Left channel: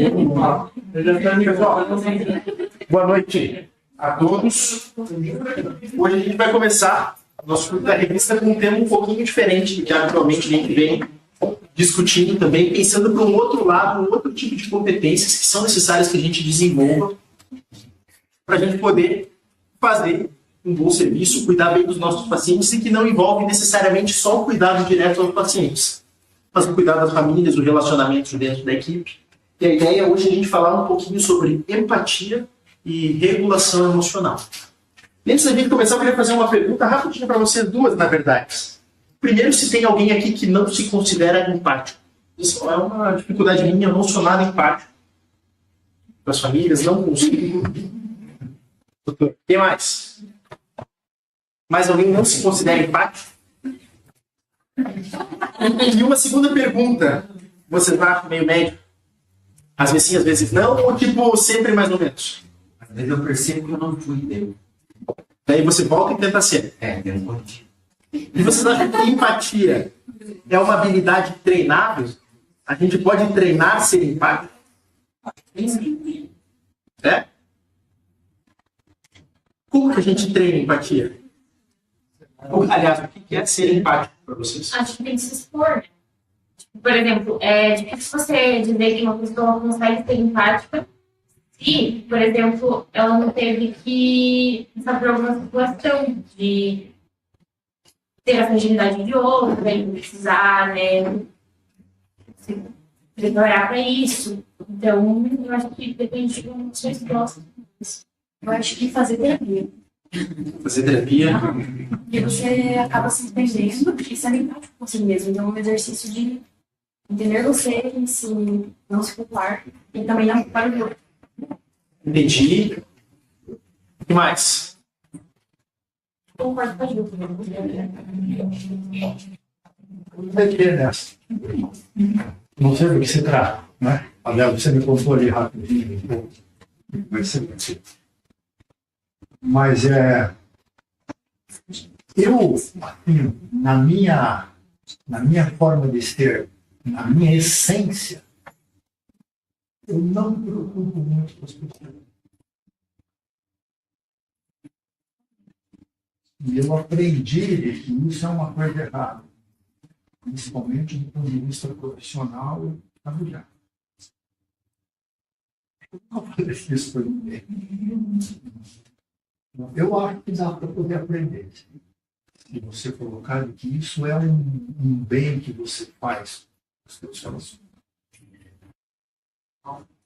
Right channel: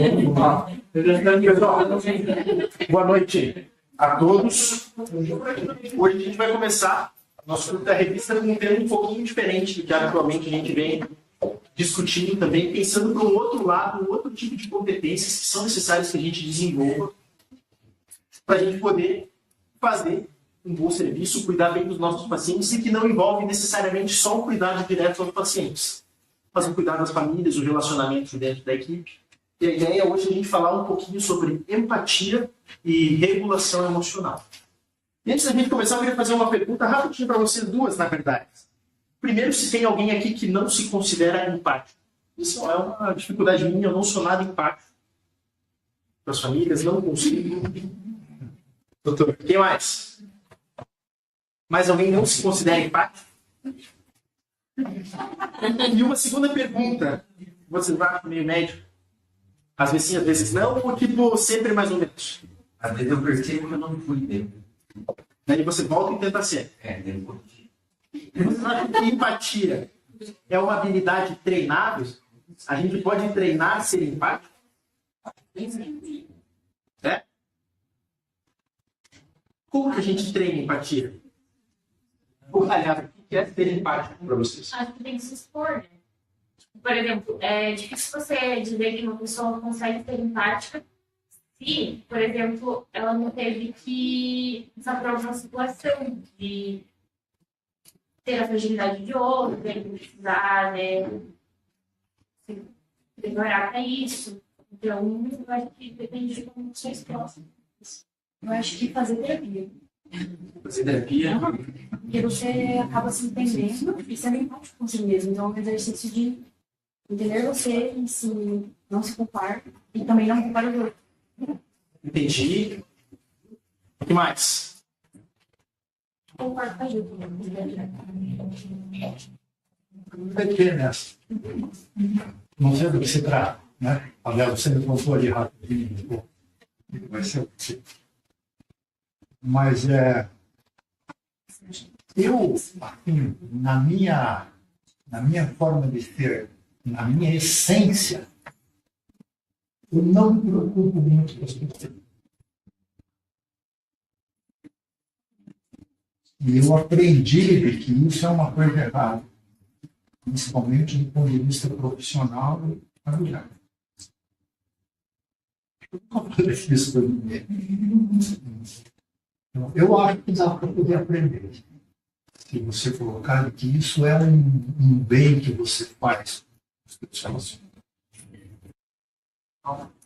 Pessoal, boa noite a todos. Hoje a gente vai começar nosso curso da revista com um tema um pouquinho diferente do que habitualmente a gente vem discutindo também, pensando para um outro lado, um outro tipo de competências que são necessárias que a gente desenvolva para a gente poder fazer um bom serviço, cuidar bem dos nossos pacientes e que não envolve necessariamente só o cuidado direto aos pacientes, mas o cuidado das famílias, o relacionamento dentro da equipe. E a ideia hoje é a gente falar um pouquinho sobre empatia e regulação emocional. E antes da gente começar, eu queria fazer uma pergunta rapidinho para vocês duas, na verdade. Primeiro, se tem alguém aqui que não se considera empático. Isso é uma dificuldade minha, eu não sou nada empático. Para as famílias, não consigo. Doutor, quem mais? Mais alguém não se considera empático? E uma segunda pergunta. Você está meio médio? Às vezes sim, às vezes não? Ou tipo, sempre mais ou menos? Às vezes eu percebo que eu não fui dele. Daí você volta e tenta ser. Deu um pouquinho. E você acha que empatia é uma habilidade treinável? A gente pode treinar ser empático? É? Como que a gente treina empatia? Aliás, o que é ser empático para vocês? Acho que tem que se expor, né? Por exemplo, é difícil você dizer que uma pessoa consegue ser empática se, por exemplo, ela não teve que passar por alguma situação de ter a fragilidade de outro, né, precisar, né, se preparar para isso. Então, eu acho que depende de como vocês gostam. Eu acho que fazer terapia. Fazer terapia? Porque você acaba se entendendo e sendo empático com si mesmo. Então, é um exercício de entender você e se não se culpar e também não culpar o outro. Entendi. O que mais? Concordo com a Gil. Vai ter nessa. Não sei do que se trata, né? Aliás, você me contou ali rapidinho um pouco. Vai ser possível. Mas eu, assim, na minha forma de ser, na minha essência, eu não me preocupo muito com as pessoas. E eu aprendi que isso é uma coisa errada, principalmente do ponto de vista profissional e familiar. Eu não falei isso por ninguém. Eu acho que dá para poder aprender. Se você colocar que isso é um bem que você faz para os seus relacionamentos.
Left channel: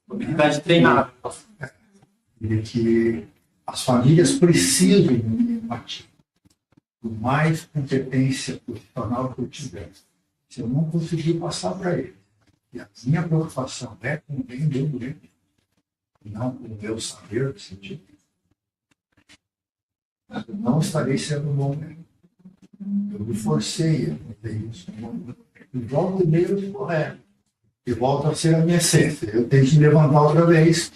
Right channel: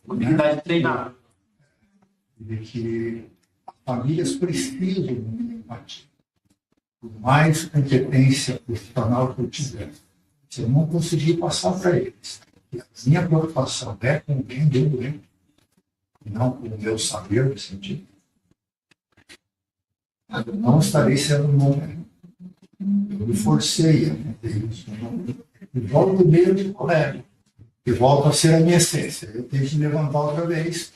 Habilidade treinável. E que as famílias precisam de empatia. Por mais competência profissional que eu tiver, se eu não conseguir passar para eles, que a minha preocupação é com o bem do doente, e não com o meu saber de sentido, eu não estarei sendo bom. Eu me forcei a fazer isso. E volto mesmo correto. E volto a ser a minha essência. Eu tenho que me levantar outra vez,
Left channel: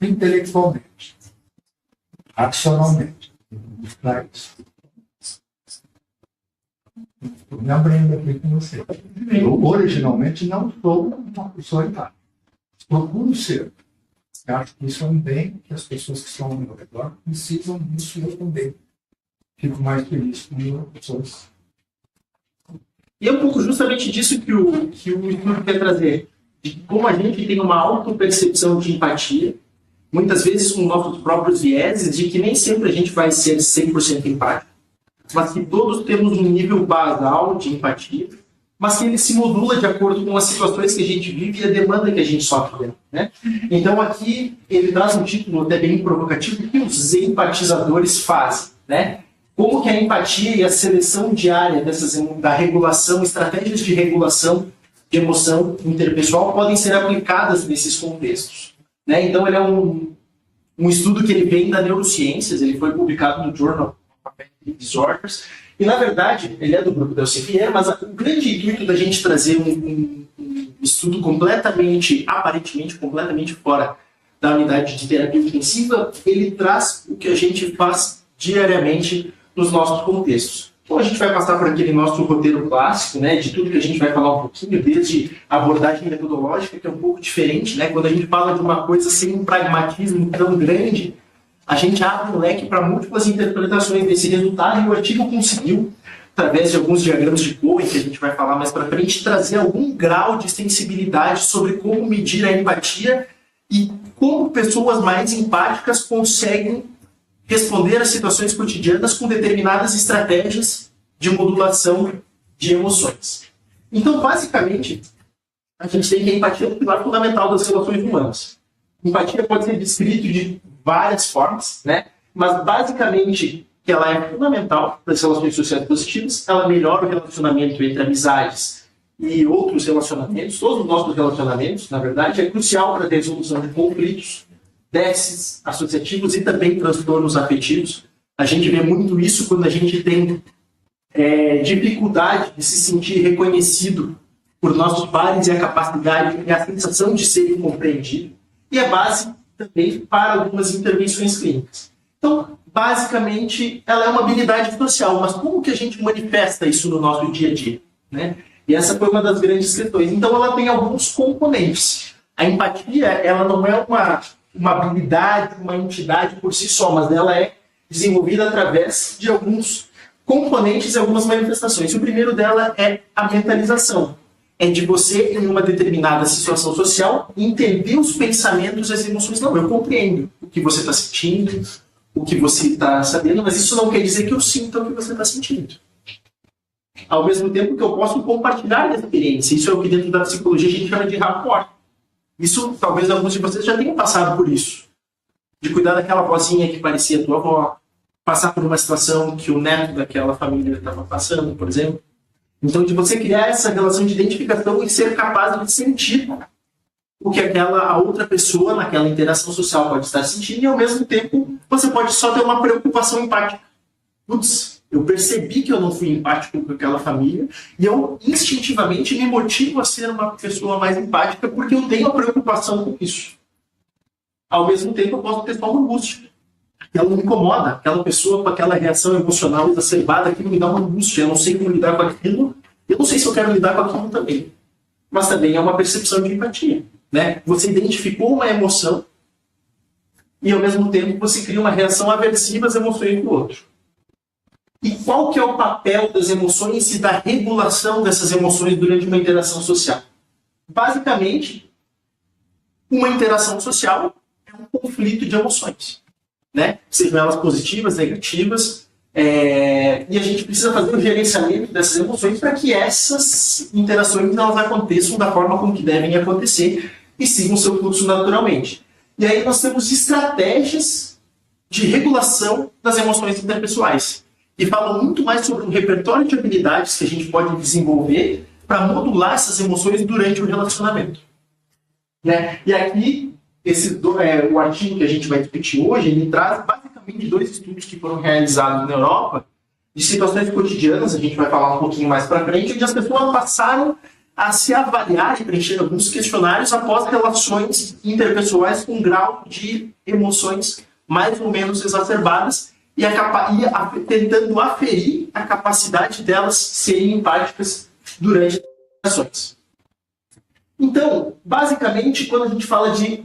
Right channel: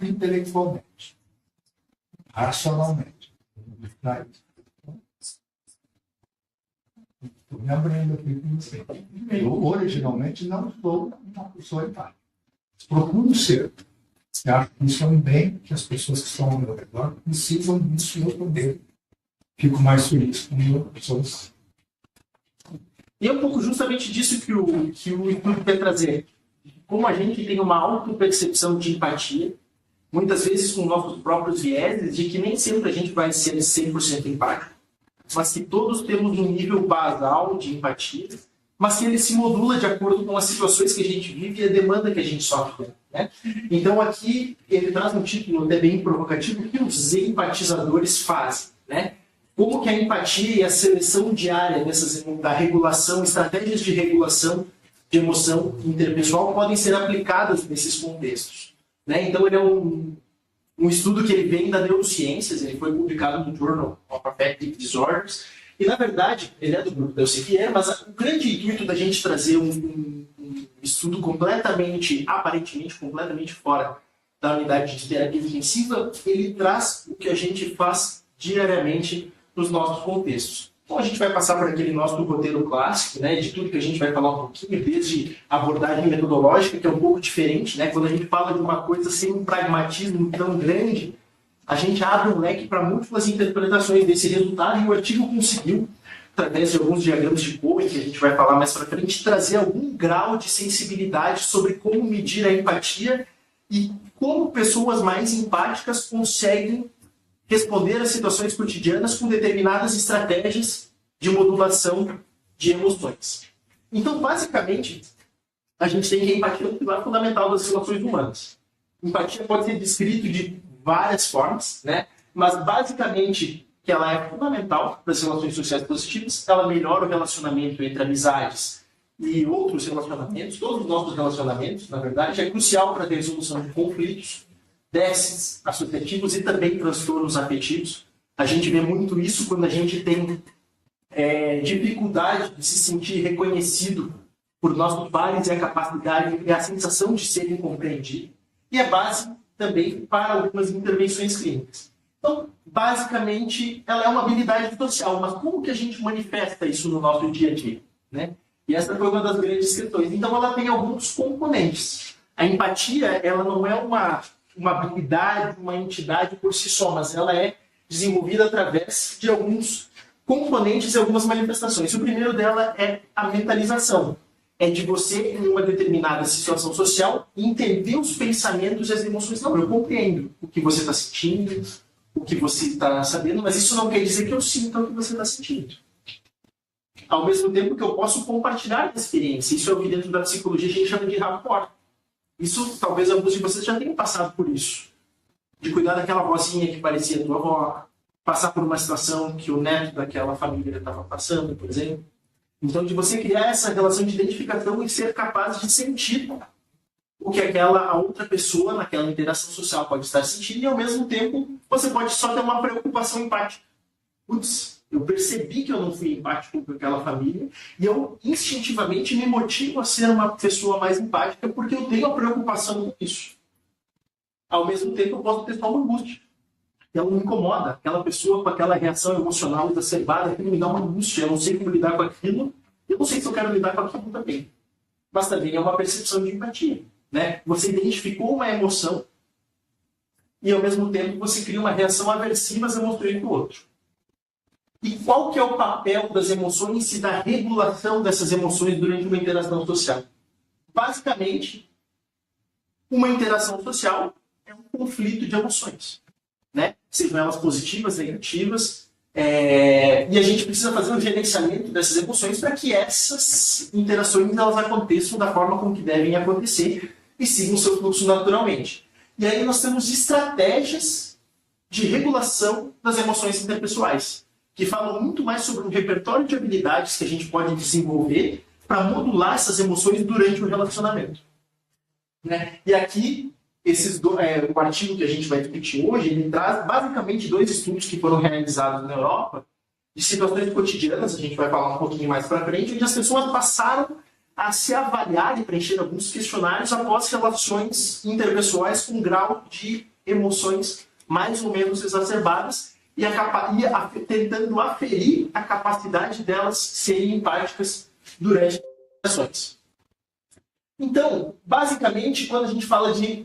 intelectualmente, racionalmente, buscar isso. Estou me abrindo aqui com você. Eu originalmente não sou uma pessoa empática. Procuro ser. Eu acho que isso é um bem que as pessoas que estão ao meu redor precisam disso e eu também. Fico mais feliz com pessoas. E é um pouco justamente disso que o estudo quer trazer. De como a gente tem uma autopercepção de empatia, muitas vezes com nossos próprios vieses, de que nem sempre a gente vai ser 100% empático, mas que todos temos um nível basal de empatia, mas que ele se modula de acordo com as situações que a gente vive e a demanda que a gente sofre, né? Então aqui ele traz um título até bem provocativo, o que os empatizadores fazem, né? Como que a empatia e a seleção diária da regulação, estratégias de regulação de emoção interpessoal podem ser aplicadas nesses contextos, né? Então ele é um estudo que ele vem da neurociências, ele foi publicado no Journal of Affective Disorders, e na verdade ele é do grupo da UCFR, mas o grande intuito da gente trazer um estudo aparentemente completamente fora da unidade de terapia intensiva, ele traz o que a gente faz diariamente nos nossos contextos, Então a gente vai passar por aquele nosso roteiro clássico, né, de tudo que a gente vai falar um pouquinho, desde a abordagem metodológica, que é um pouco diferente, né, quando a gente fala de uma coisa sem um pragmatismo tão grande, a gente abre um leque para múltiplas interpretações desse resultado, e o artigo conseguiu, através de alguns diagramas de Cohen, que a gente vai falar mais para frente, trazer algum grau de sensibilidade sobre como medir a empatia e como pessoas mais empáticas conseguem responder a situações cotidianas com determinadas estratégias de modulação de emoções. Então, basicamente, a gente tem que a empatia é um pilar fundamental das relações humanas. Empatia pode ser descrito de várias formas, né? Mas, basicamente, que ela é fundamental para as relações sociais positivas, ela melhora o relacionamento entre amizades e outros relacionamentos, todos os nossos relacionamentos, na verdade, é crucial para a resolução de conflitos, déficits associativos e também transtornos afetivos. A gente vê muito isso quando a gente tem dificuldade de se sentir reconhecido por nossos pares e a capacidade e a sensação de ser compreendido. E é base também para algumas intervenções clínicas. Então, basicamente, ela é uma habilidade social, mas como que a gente manifesta isso no nosso dia a dia, né? E essa foi uma das grandes questões. Então, ela tem alguns componentes. A empatia, ela não é uma habilidade, uma entidade por si só, mas ela é desenvolvida através de alguns componentes e algumas manifestações. O primeiro dela é a mentalização. É de você, em uma determinada situação social, entender os pensamentos e as emoções. Não, eu compreendo o que você está sentindo, o que você está sabendo, mas isso não quer dizer que eu sinta o que você está sentindo. Ao mesmo tempo que eu posso compartilhar a experiência. Isso é o que dentro da psicologia a gente chama de rapport. Isso, talvez alguns de vocês já tenham passado por isso. De cuidar daquela vozinha que parecia tua avó, passar por uma situação que o neto daquela família estava passando, por exemplo. Então, de você criar essa relação de identificação e ser capaz de sentir o que a outra pessoa naquela interação social pode estar sentindo, e ao mesmo tempo você pode só ter uma preocupação empática. Putz, eu percebi que eu não fui empático com aquela família e eu instintivamente me motivo a ser uma pessoa mais empática porque eu tenho a preocupação com isso. Ao mesmo tempo eu posso ter só uma angústia. Ela me incomoda, aquela pessoa com aquela reação emocional exacerbada, aquilo me dá uma angústia, eu não sei como lidar com aquilo, eu não sei se eu quero lidar com aquilo também. Mas também é uma percepção de empatia, né? Você identificou uma emoção e ao mesmo tempo você cria uma reação aversiva às emoções do outro. E qual que é o papel das emoções e da regulação dessas emoções durante uma interação social? Basicamente, uma interação social é um conflito de emoções, né? Sejam elas positivas, negativas, e a gente precisa fazer um gerenciamento dessas emoções para que essas interações elas aconteçam da forma como que devem acontecer e sigam o seu fluxo naturalmente. E aí nós temos estratégias de regulação das emoções interpessoais, que falam muito mais sobre um repertório de habilidades que a gente pode desenvolver para modular essas emoções durante o relacionamento, né? E aqui, o artigo que a gente vai discutir hoje, ele traz basicamente 2 estudos que foram realizados na Europa, de situações cotidianas, a gente vai falar um pouquinho mais para frente, onde as pessoas passaram a se avaliar e preencher alguns questionários após relações interpessoais com grau de emoções mais ou menos exacerbadas, e tentando aferir a capacidade delas serem empáticas durante as ações. Então, basicamente, quando a gente fala de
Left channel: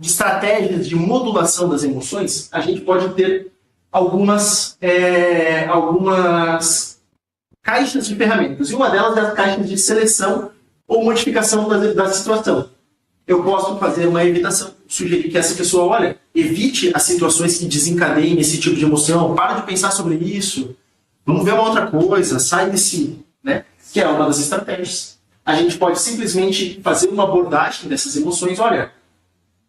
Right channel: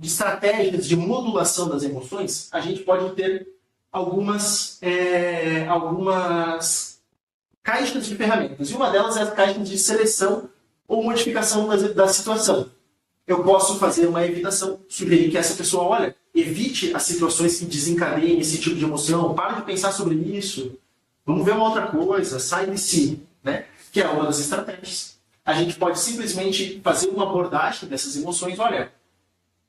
estratégias de modulação das emoções, a gente pode ter algumas caixas de ferramentas. E uma delas é as caixas de seleção ou modificação da situação. Eu posso fazer uma evitação, sugerir que essa pessoa, olha, evite as situações que desencadeiem esse tipo de emoção, para de pensar sobre isso, vamos ver uma outra coisa, sai de si, né? Que é uma das estratégias. A gente pode simplesmente fazer uma abordagem dessas emoções, olha,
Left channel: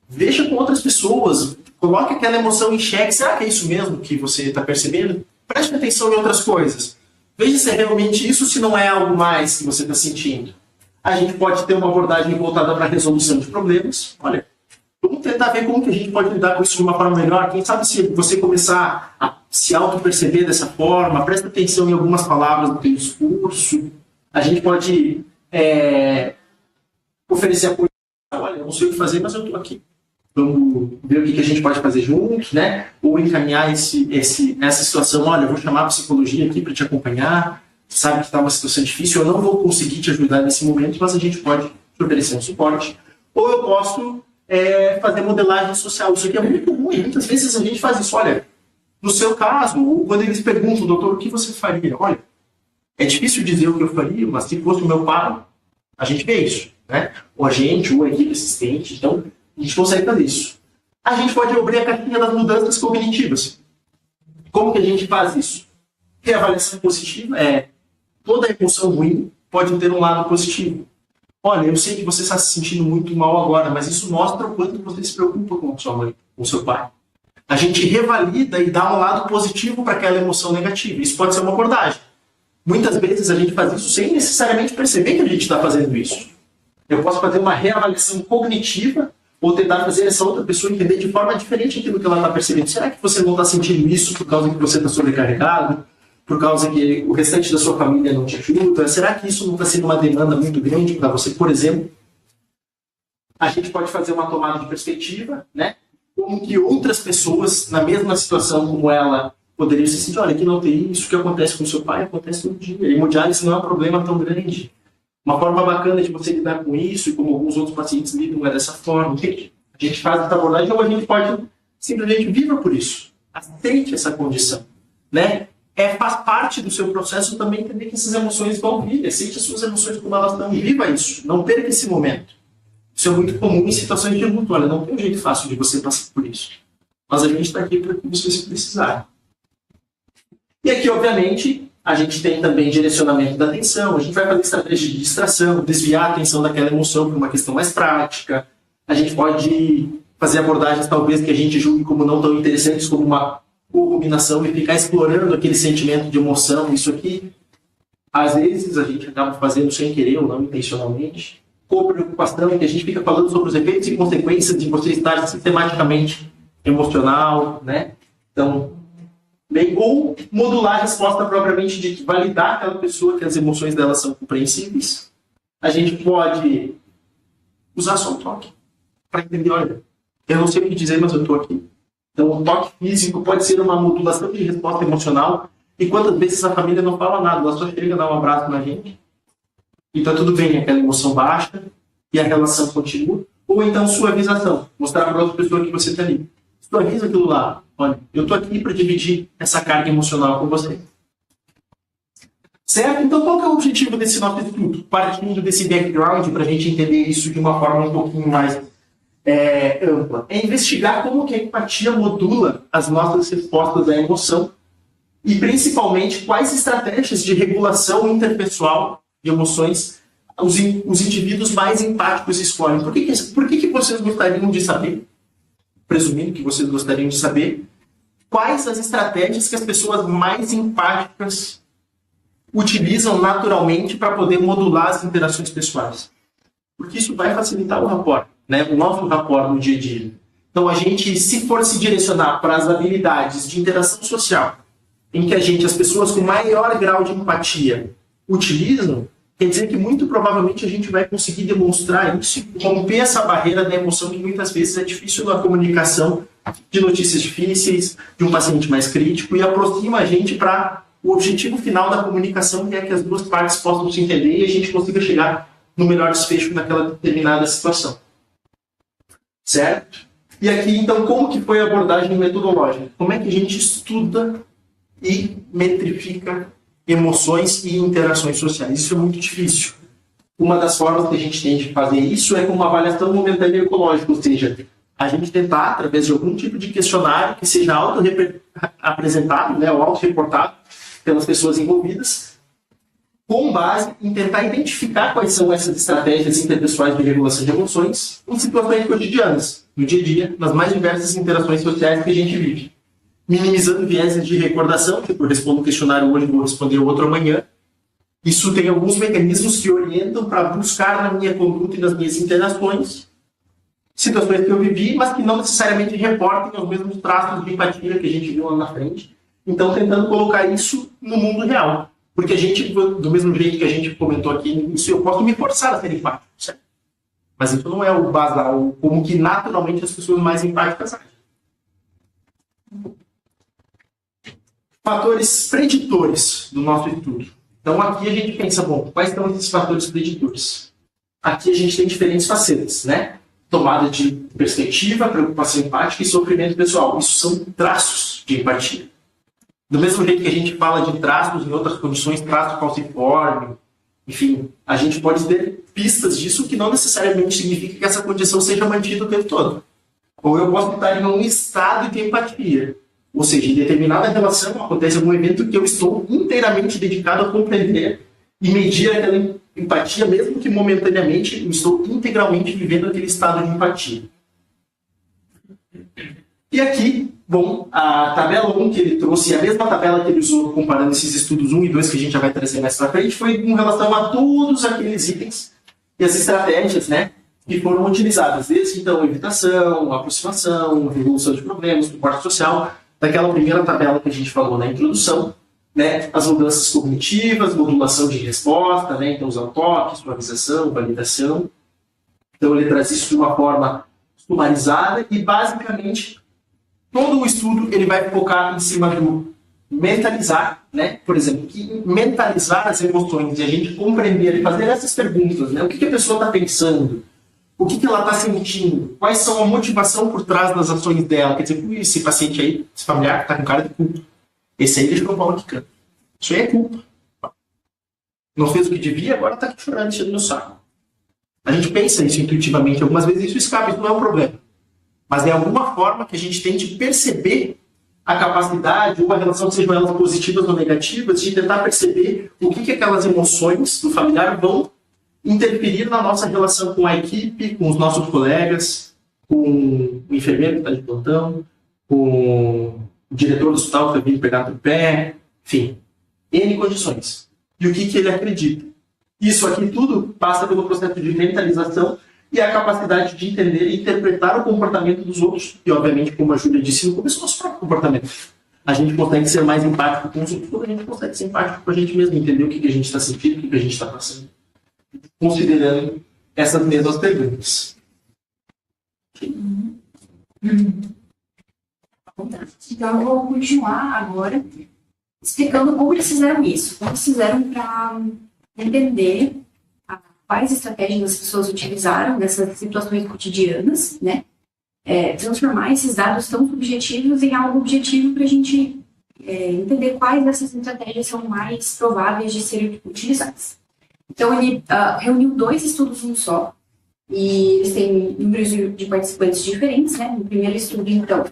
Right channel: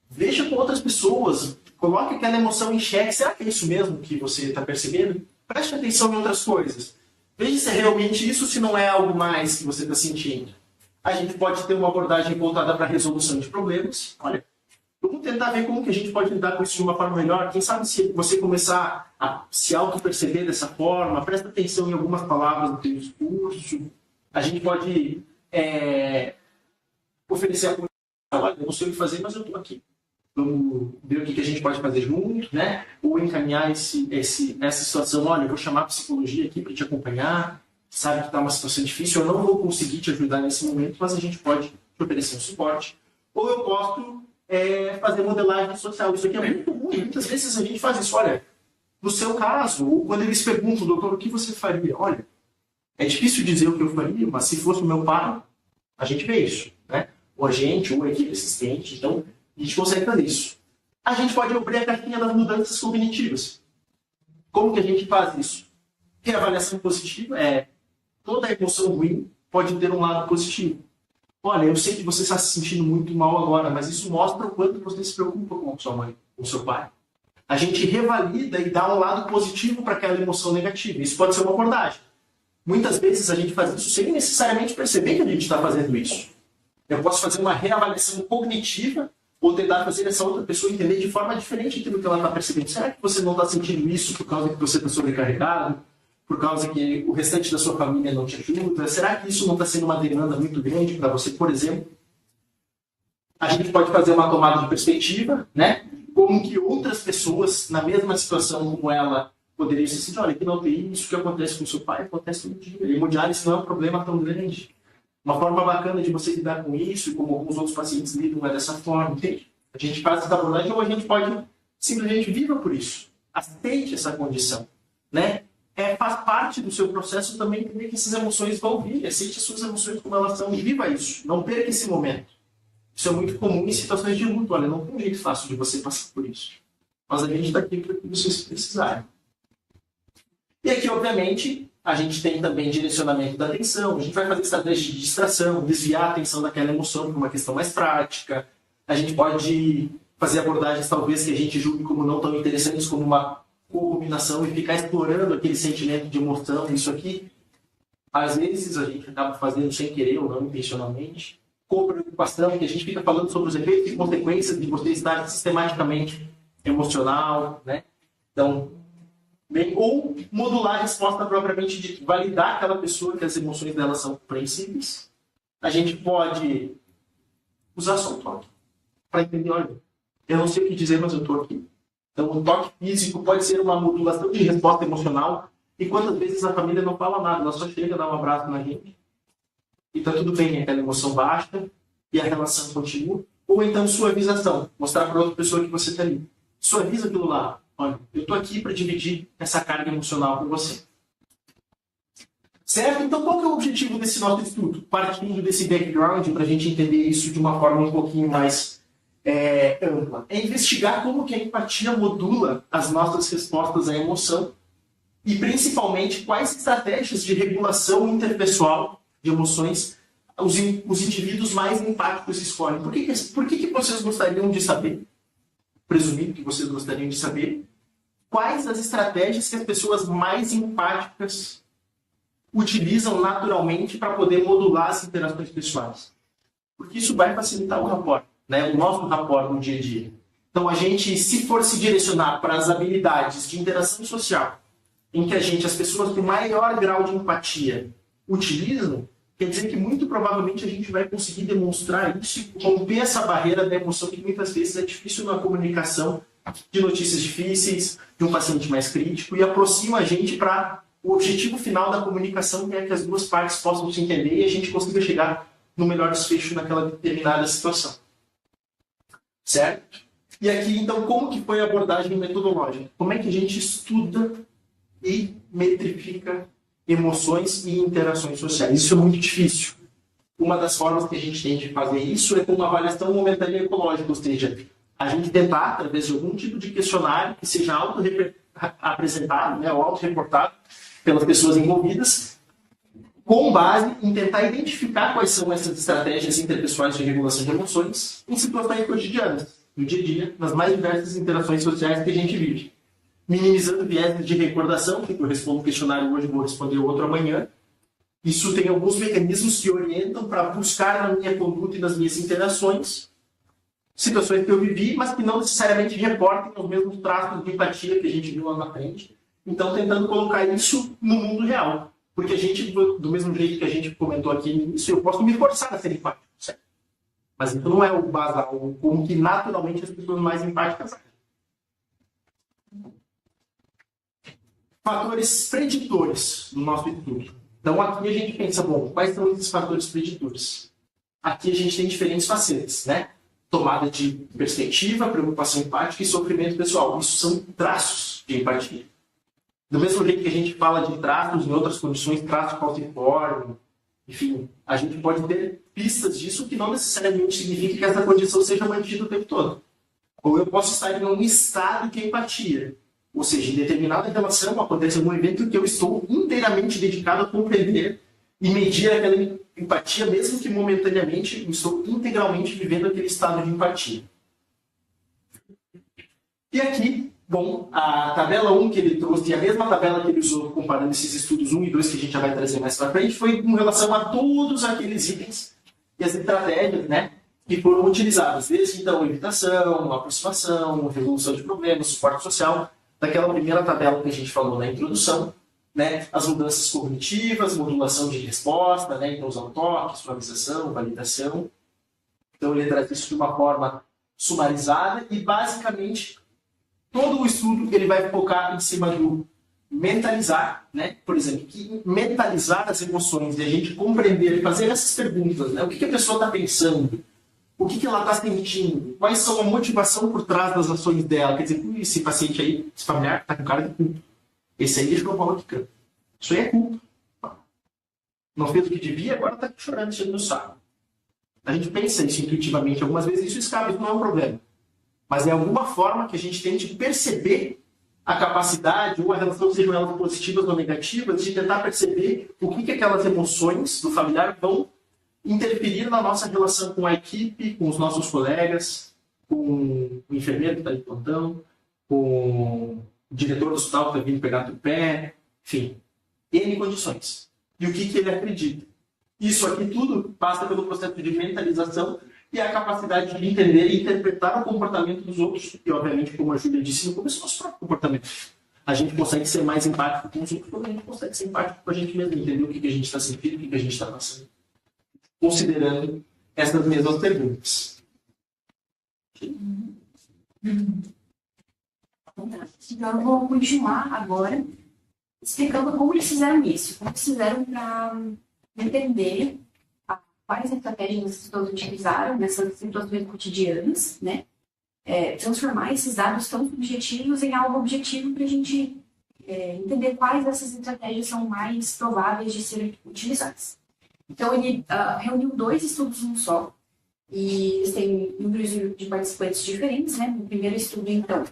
veja com outras pessoas, coloque aquela emoção em xeque, será que é isso mesmo que você está percebendo? Preste atenção em outras coisas. Veja se é realmente isso, se não é algo mais que você está sentindo. A gente pode ter uma abordagem voltada para a resolução de problemas. Olha, vamos tentar ver como que a gente pode lidar com isso de uma forma melhor. Quem sabe se você começar a se auto-perceber dessa forma, presta atenção em algumas palavras do teu discurso. A gente pode oferecer apoio. Olha, eu não sei o que fazer, mas eu estou aqui. vamos ver o que a gente pode fazer juntos, né? Ou encaminhar essa situação, olha, eu vou chamar a psicologia aqui para te acompanhar, sabe que está uma situação difícil, eu não vou conseguir te ajudar nesse momento, mas a gente pode te oferecer um suporte. Ou eu posso fazer modelagem social. Isso aqui é muito comum, e muitas vezes a gente faz isso. Olha, no seu caso, ou quando eles perguntam, doutor, o que você faria? Olha, é difícil dizer o que eu faria, mas se fosse o meu pai, a gente vê isso, né? Ou a gente, ou a equipe assistente, então a gente consegue fazer isso. A gente pode abrir a caixinha das mudanças cognitivas. Como que a gente faz isso? Reavaliação positiva toda emoção ruim pode ter um lado positivo. Olha, eu sei que você está se sentindo muito mal agora, mas isso mostra o quanto você se preocupa com a sua mãe, com o seu pai. A gente revalida e dá um lado positivo para aquela emoção negativa. Isso pode ser uma abordagem. Muitas vezes a gente faz isso sem necessariamente perceber que a gente está fazendo isso. Eu posso fazer uma reavaliação cognitiva ou tentar fazer essa outra pessoa entender de forma diferente aquilo que ela está percebendo. Será que você não está sentindo isso por causa que você está sobrecarregado? Por causa que o restante da sua família não te ajuda? Será que isso não está sendo uma demanda muito grande para você? Por exemplo, a gente pode fazer uma tomada de perspectiva, né? Como que outras pessoas, na mesma situação como ela, poderiam se sentir, olha, aqui não tem isso que acontece com o seu pai, acontece todo dia. Hemodiálise não é um problema tão grande. Uma forma bacana de você lidar com isso, e como alguns outros pacientes lidam, é dessa forma, entende? A gente faz essa abordagem, ou a gente pode simplesmente viva por isso. Aceite essa condição, né? Faz parte do seu processo também entender que essas emoções vão vir. Aceite as suas emoções como elas são. Viva isso. Não perca esse momento. Isso é muito comum em situações de luto. Olha, não tem um jeito fácil de você passar por isso. Mas a gente está aqui para que vocês precisarem. E aqui, obviamente, a gente tem também direcionamento da atenção. A gente vai fazer estratégia de distração, desviar a atenção daquela emoção para uma questão mais prática. A gente pode fazer abordagens, talvez, que a gente julgue como não tão interessantes, como uma ruminação, e ficar explorando aquele sentimento de emoção. Isso aqui, às vezes, a gente acaba fazendo sem querer ou não intencionalmente. Co-preocupação, que a gente fica falando sobre os efeitos e consequências de você estar sistematicamente emocional, né? Então, ou modular a resposta propriamente de validar aquela pessoa que as emoções dela são compreensíveis. A gente pode usar só o toque para entender, olha, eu não sei o que dizer, mas eu estou aqui. Então, o toque físico pode ser uma modulação de resposta emocional. E quantas vezes a família não fala nada, ela só chega a dar um abraço na gente. E está tudo bem, aquela emoção baixa e a relação continua. Ou então, suavização, mostrar para outra pessoa que você está ali. Suaviza aquilo lá. Olha, eu estou aqui para dividir essa carga emocional com você. Certo? Então, qual que é o objetivo desse nosso estudo? Partindo desse background, para a gente entender isso de uma forma um pouquinho mais ampla. É investigar como que a empatia modula as nossas respostas à emoção e, principalmente, quais estratégias de regulação interpessoal de emoções os indivíduos mais empáticos escolhem. Por que vocês gostariam de saber? Presumindo que vocês gostariam de saber quais as estratégias que as pessoas mais empáticas utilizam naturalmente para poder modular as interações pessoais. Porque isso vai facilitar o rapport, né? O nosso rapport no dia a dia. Então, a gente, se for se direcionar para as habilidades de interação social, em que as pessoas com maior grau de empatia utilizam, quer dizer que muito provavelmente a gente vai conseguir demonstrar isso e romper essa barreira da emoção que muitas vezes é difícil na comunicação de notícias difíceis, de um paciente mais crítico, e aproxima a gente para o objetivo final da comunicação, que é que as duas partes possam se entender e a gente consiga chegar no melhor desfecho naquela determinada situação. Certo? E aqui, então, como que foi a abordagem metodológica? Como é que a gente estuda e metrifica emoções e interações sociais? Isso é muito difícil. Uma das formas que a gente tem de fazer isso é com uma avaliação momentânea ecológica, ou seja, a gente tentar, através de algum tipo de questionário que seja auto-apresentado, né, ou auto-reportado pelas pessoas envolvidas, com base em tentar identificar quais são essas estratégias interpessoais de regulação de emoções em situações cotidianas, no dia a dia, nas mais diversas interações sociais que a gente vive. Minimizando vieses de recordação, tipo, eu respondo um questionário hoje, vou responder outro amanhã. Isso tem alguns mecanismos que orientam para buscar na minha conduta e nas minhas interações situações que eu vivi, mas que não necessariamente reportem os mesmos traços de empatia que a gente viu lá na frente. Então, tentando colocar isso no mundo real. Porque a gente, do mesmo jeito que a gente comentou aqui, isso eu posso me forçar a ser empático, certo? Mas isso não é o basal, como que naturalmente as pessoas mais empáticas agem. Fatores preditores do nosso estudo. Então aqui a gente pensa, bom, quais são esses fatores preditores? Aqui a gente tem diferentes facetas, né? Tomada de perspectiva, preocupação empática e sofrimento pessoal. Isso são traços de empatia. Do mesmo jeito que a gente fala de traços em outras condições, traço falciforme, enfim, a gente pode ter pistas disso que não necessariamente significa que essa condição seja mantida o tempo todo. Ou eu posso estar em um estado de empatia. Ou seja, em determinada relação acontece algum evento que eu estou inteiramente dedicado a compreender e medir aquela empatia, mesmo que momentaneamente eu estou integralmente vivendo aquele estado de empatia. E aqui, bom, a tabela 1 que ele trouxe, a mesma tabela que ele usou comparando esses estudos 1 e 2 que a gente já vai trazer mais pra frente, foi com relação a todos aqueles itens e as estratégias, né, que foram utilizadas. Desde, então, evitação, aproximação, resolução de problemas, suporte social, daquela primeira tabela que a gente falou na introdução, né, as mudanças cognitivas, modulação de resposta, né, então usar toque, suavização, validação. Então ele traz isso de uma forma sumarizada e basicamente todo o estudo ele vai focar em cima do mentalizar, né, por exemplo, que mentalizar as emoções e a gente compreender e fazer essas perguntas, né, o que a pessoa está pensando, o que ela está sentindo, quais são a motivação por trás das ações dela, quer dizer, esse paciente aí, esse familiar está com cara de culpa. Esse aí deixa eu falar que canta. Isso aí é culpa. Não fez o que devia, agora está aqui chorando, enchendo meu saco. A gente pensa isso intuitivamente, algumas vezes isso escapa, isso não é um problema. Mas é alguma forma que a gente tem de perceber a capacidade, ou a relação, sejam elas positivas ou negativas, de tentar perceber o que aquelas emoções do familiar vão interferir na nossa relação com a equipe, com os nossos colegas, com o enfermeiro que está de plantão, com o diretor do hospital que está vindo pegar no pé, enfim, N condições. E o que ele acredita. Isso aqui tudo passa pelo processo de mentalização e a capacidade de entender e interpretar o comportamento dos outros. E, obviamente, como a Júlia disse no começo, nosso próprio comportamento. A gente consegue ser mais empático com os outros, quando a gente consegue ser empático com a gente mesmo, entender o que a gente está sentindo, o que a gente está passando. Considerando essas mesmas perguntas. Então, eu vou continuar agora explicando como eles fizeram isso. Como eles fizeram para entender quais estratégias as pessoas utilizaram nessas situações cotidianas, né? Transformar esses dados tão subjetivos em algo objetivo para a gente entender quais dessas estratégias são mais prováveis de serem utilizadas. Então, ele reuniu 2 estudos num só, e eles têm números de participantes diferentes, né? No primeiro estudo, então,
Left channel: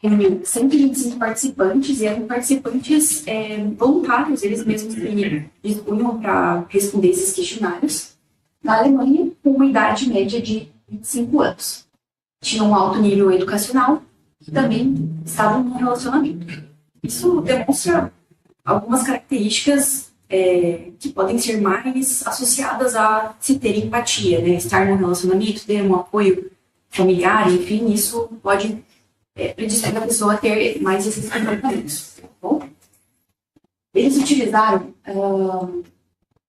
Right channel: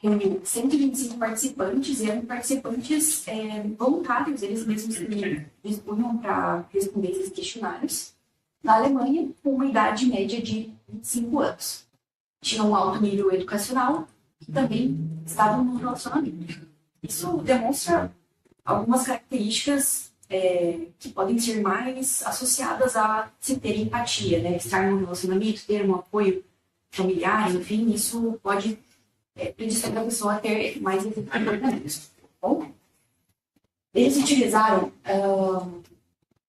reuniu 125 participantes, e eram participantes voluntários, eles mesmos que dispunham para responder esses questionários, na Alemanha, com uma idade média de 25 anos. Tinham um alto nível educacional e também estavam num relacionamento. Isso demonstra algumas características que podem ser mais associadas a se ter empatia, né? Estar num relacionamento, ter um apoio familiar, enfim, isso pode predispor a pessoa a ter mais esses comportamentos. Tá bom? Eles utilizaram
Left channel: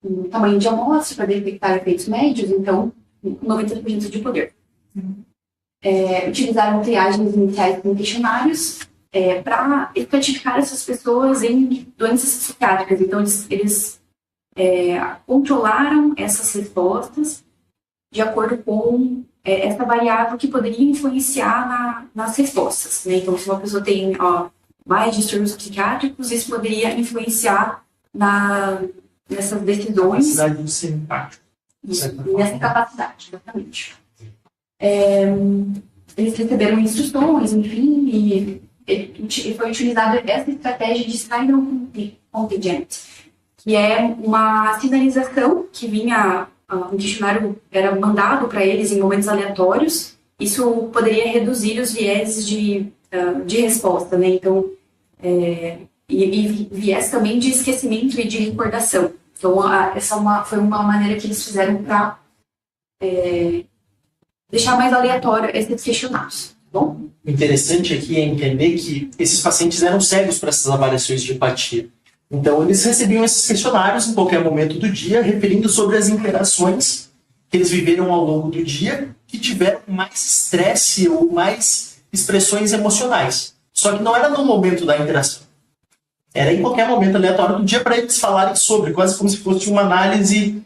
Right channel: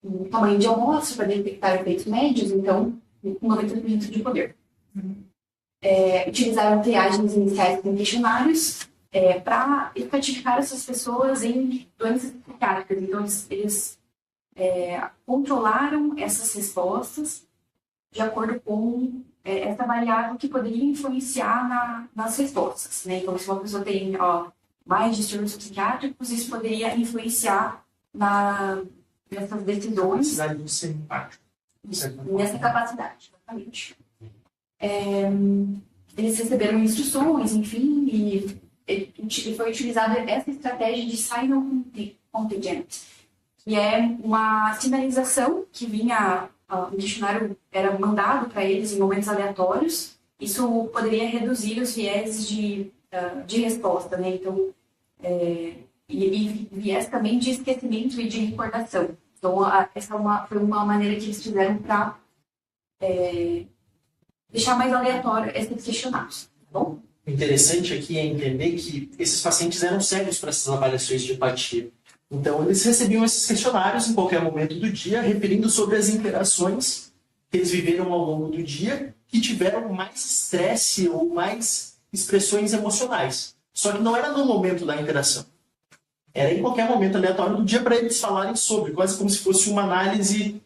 um tamanho de amostra para detectar efeitos médios, então, 90% de poder. Utilizaram triagens iniciais com questionários para estratificar essas pessoas em doenças psiquiátricas. Então, eles controlaram essas respostas de acordo com essa variável que poderia influenciar nas respostas, né? Então, se uma pessoa tem mais distúrbios psiquiátricos, isso poderia influenciar nessas decisões. Capacidade de ser empático. Nessa capacidade, exatamente. Eles receberam instruções, enfim, e foi utilizada essa estratégia de signal contingent, que é uma sinalização que vinha, um questionário era mandado para eles em momentos aleatórios. Isso poderia reduzir os vieses de resposta, né? Então, e viés também de esquecimento e de recordação. Então, essa foi uma maneira que eles fizeram para deixar mais aleatório esses questionários, tá bom? O interessante aqui é entender que esses pacientes eram cegos para essas avaliações de empatia. Então, eles recebiam esses questionários em qualquer momento do dia, referindo sobre as interações que eles viveram ao longo do dia que tiveram mais estresse ou mais expressões emocionais. Só que não era no momento da interação. Era em qualquer momento aleatório do dia para eles falarem sobre, quase como se fosse uma análise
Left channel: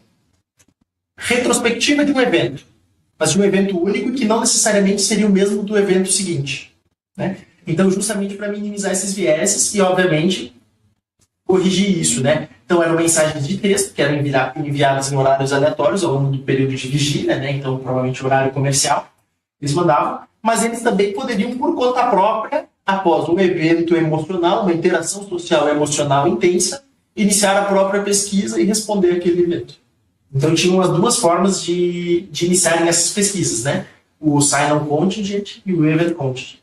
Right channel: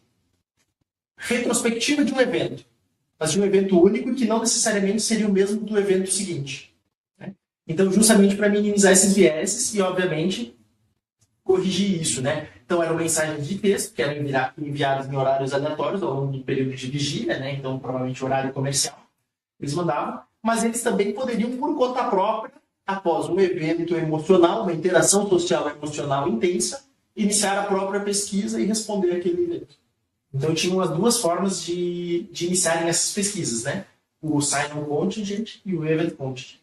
retrospectiva de um evento, mas de um evento único que não necessariamente seria o mesmo do evento seguinte, né? Então, justamente para minimizar esses vieses e, obviamente, corrigir isso, né? Então, eram mensagens de texto que eram enviadas em horários aleatórios ao longo do período de vigília, né? Então, provavelmente horário comercial, eles mandavam, mas eles também poderiam, por conta própria, após um evento emocional, uma interação social emocional intensa, iniciar a própria pesquisa e responder aquele evento. Então, tinham as duas formas de iniciarem essas pesquisas, né? O Sign-on Contingent e o Event Contingent.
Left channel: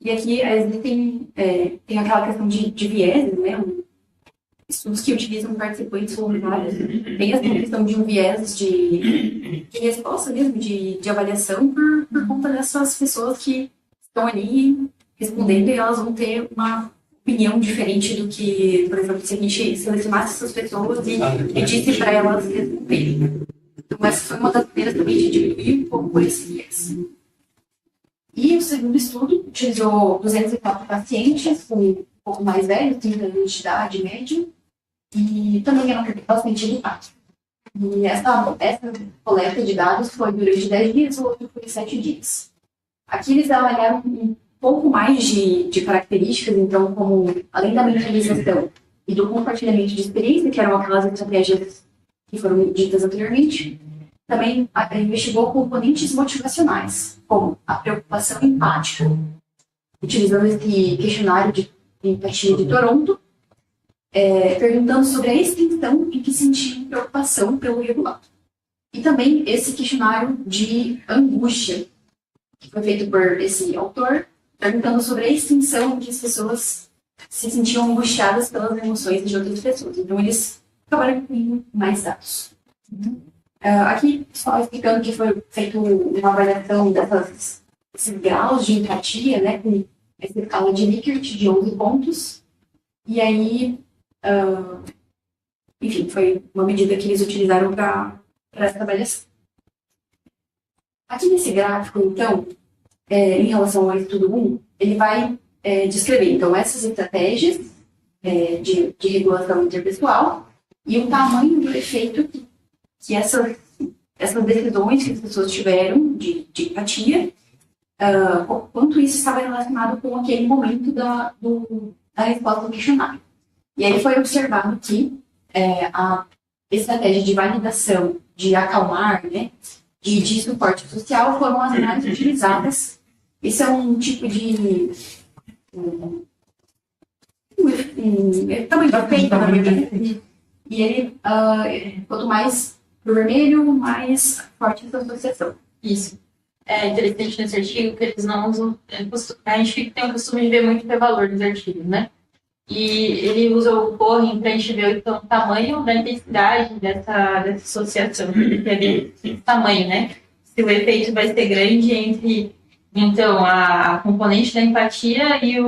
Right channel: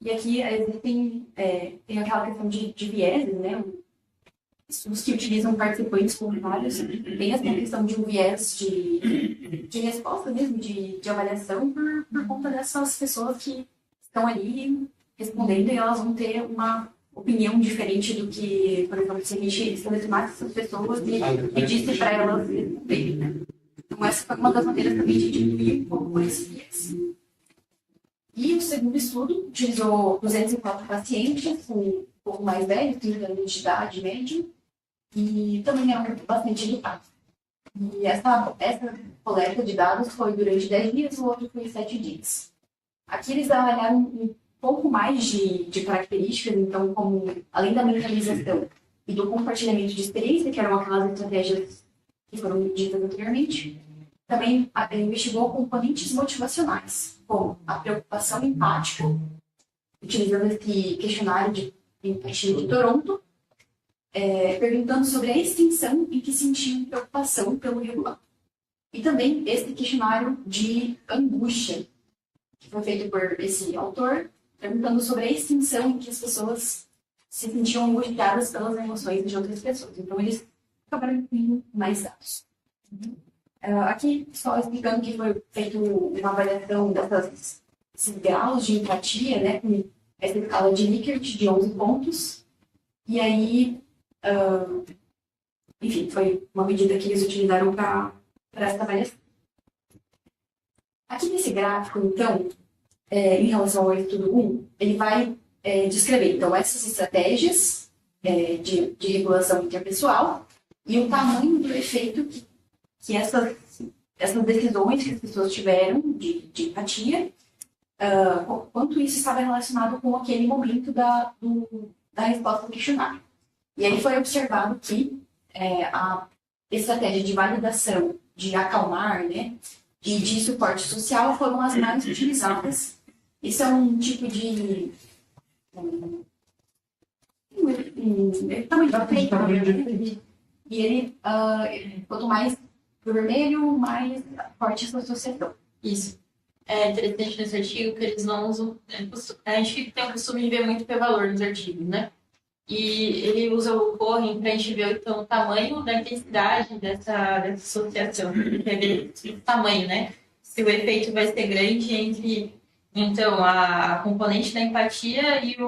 E aqui tem aquela questão de vieses, né? Estudos que utilizam participantes voluntários. Tem essa questão de um viés de resposta mesmo, de avaliação por conta dessas pessoas que estão ali respondendo e elas vão ter uma opinião diferente do que, por exemplo, se a gente selecionasse essas pessoas e pedisse para elas responderem, né? Então, essa foi uma das maneiras também de diminuir um pouco esse viés. E o segundo estudo utilizou 204 pacientes, um pouco mais velhos, 30 anos de idade média, e também eram bastante educados. E essa coleta de dados foi durante 10 dias, o outro foi 7 dias. Aqui eles avaliaram um pouco mais de características, então, como além da mentalização e do compartilhamento de experiência, que eram aquelas estratégias que foram ditas anteriormente, também investigou componentes motivacionais, como a preocupação empática, utilizando esse questionário de empatia de Toronto, perguntando sobre a extensão em que sentiam preocupação pelo regulado. E também esse questionário de angústia, que foi feito por esse autor, perguntando sobre a extensão em que as pessoas se sentiam angustiadas pelas emoções de outras pessoas. Então, eles acabaram com mais dados. Aqui, só explicando que foi feita uma avaliação desses graus de empatia, né, com essa escala de Likert de 11 pontos. E aí, enfim, foi uma medida que eles utilizaram para essa avaliação. Aqui nesse gráfico, então, em relação ao estudo 1, ele vai descrever, então, essas estratégias de regulação interpessoal e o tamanho do efeito que essas decisões que as pessoas tiveram de empatia, quanto isso estava relacionado com aquele momento da resposta ao questionário. E aí foi observado que a estratégia de validação, de acalmar, né, e de suporte social foram as mais utilizadas. Esse é um tipo de tamanho de efeito, na verdade. E ele, quanto mais pro vermelho, mais forte essa associação. Isso. É interessante nesse artigo que eles não usam... A gente tem o costume de ver muito p-valor nos artigos, né? E ele usa o Cohen para a gente ver então, o tamanho da intensidade dessa associação. Quer ver o tamanho, né? Se o efeito vai ser grande entre, então, a componente da empatia e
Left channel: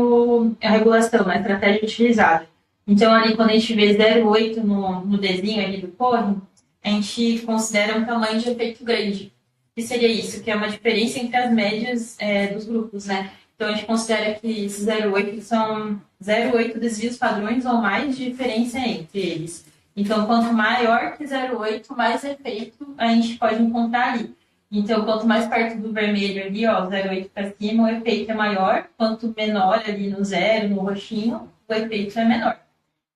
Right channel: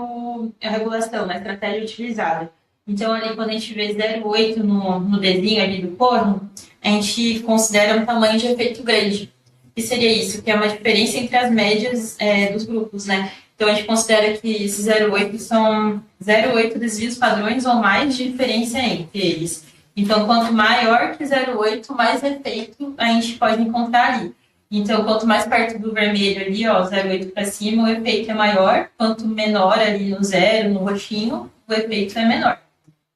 a regulação, né? A estratégia utilizada. Então, ali, quando a gente vê 0,8 no desenho ali do Cohen, a gente considera um tamanho de efeito grande. O que seria isso? Que é uma diferença entre as médias dos grupos, né? Então, a gente considera que esses 0,8 são 0,8 desvios padrões ou mais de diferença entre eles. Então, quanto maior que 0,8, mais efeito a gente pode encontrar ali. Então, quanto mais perto do vermelho ali, ó, 0,8 para cima, o efeito é maior. Quanto menor ali no 0, no roxinho, o efeito é menor.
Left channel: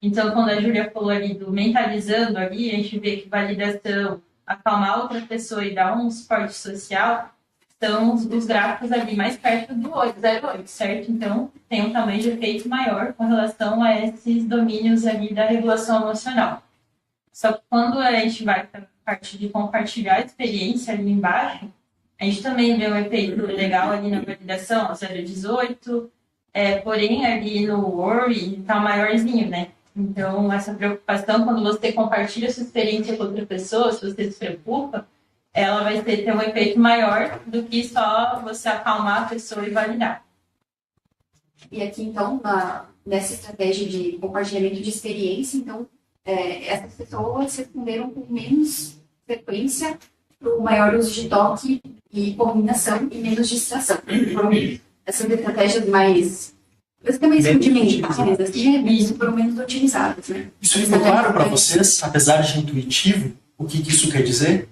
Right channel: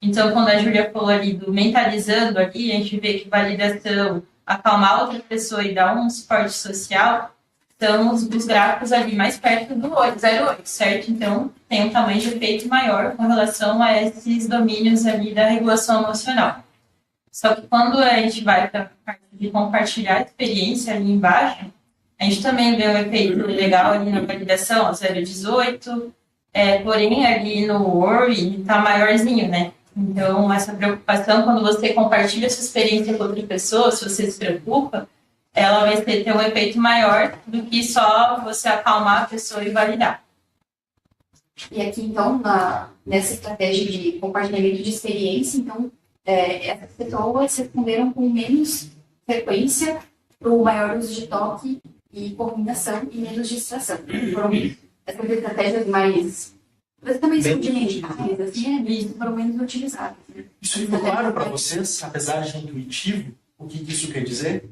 Então, quando a Júlia falou ali do mentalizando ali, a gente vê que validação, acalmar outra pessoa e dar um suporte social, são os gráficos ali mais perto do 0,8, certo? Então, tem um tamanho de efeito maior com relação a esses domínios ali da regulação emocional. Só que quando a gente vai para a parte de compartilhar a experiência ali embaixo, a gente também vê um efeito legal ali na validação, 0,18, porém ali no worry está maiorzinho, né? Então, essa preocupação, quando você compartilha sua experiência com outra pessoa, se você se preocupa, ela vai ter um efeito maior do que só você acalmar a pessoa e validar. E aqui, então, nessa estratégia de compartilhamento de experiência, então, essas pessoas responderam com menos frequência para o maior uso de toque e combinação e menos distração. Foram essas estratégias mais, basicamente rudimentares, assim, isso foram menos utilizadas, né? Isso ficou claro para vocês, apesar de intuitivo, o que isso quer dizer?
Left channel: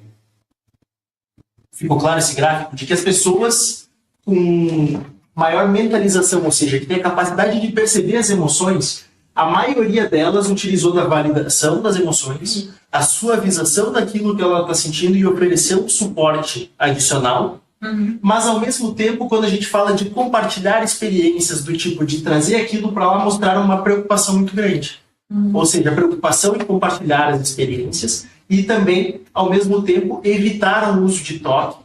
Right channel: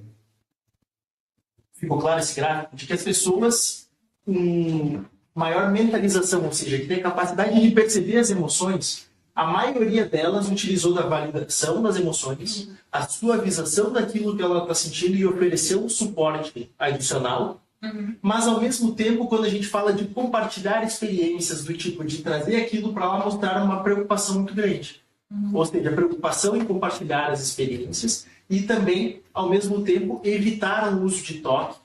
Ficou claro esse gráfico de que as pessoas com maior mentalização, ou seja, que tem a capacidade de perceber as emoções, a maioria delas utilizou da validação das emoções, a suavização daquilo que ela está sentindo e ofereceu suporte adicional. Mas, ao mesmo tempo, quando a gente fala de compartilhar experiências do tipo de trazer aquilo para lá, mostrar uma preocupação muito grande. Ou seja, a preocupação em compartilhar as experiências e também, ao mesmo tempo, evitar o uso de toque,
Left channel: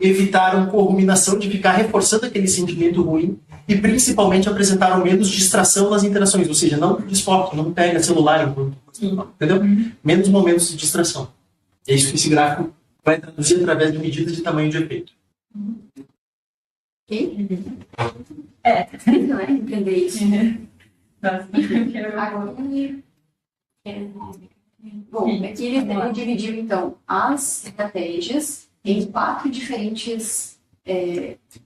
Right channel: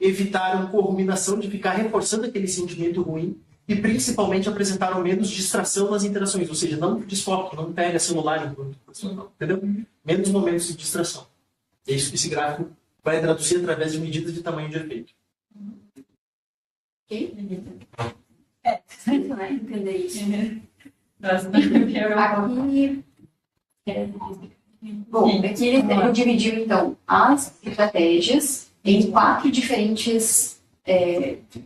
evitar a corruminação de ficar reforçando aquele sentimento ruim e, principalmente, apresentaram menos distração nas interações. Ou seja, não desfoque, não pega celular enquanto... Entendeu? Menos momentos de distração. É isso que esse gráfico vai traduzir através de medidas de tamanho de efeito. Ok? Não é entender isso. Aqui ele dividiu, então, as estratégias em 4 diferentes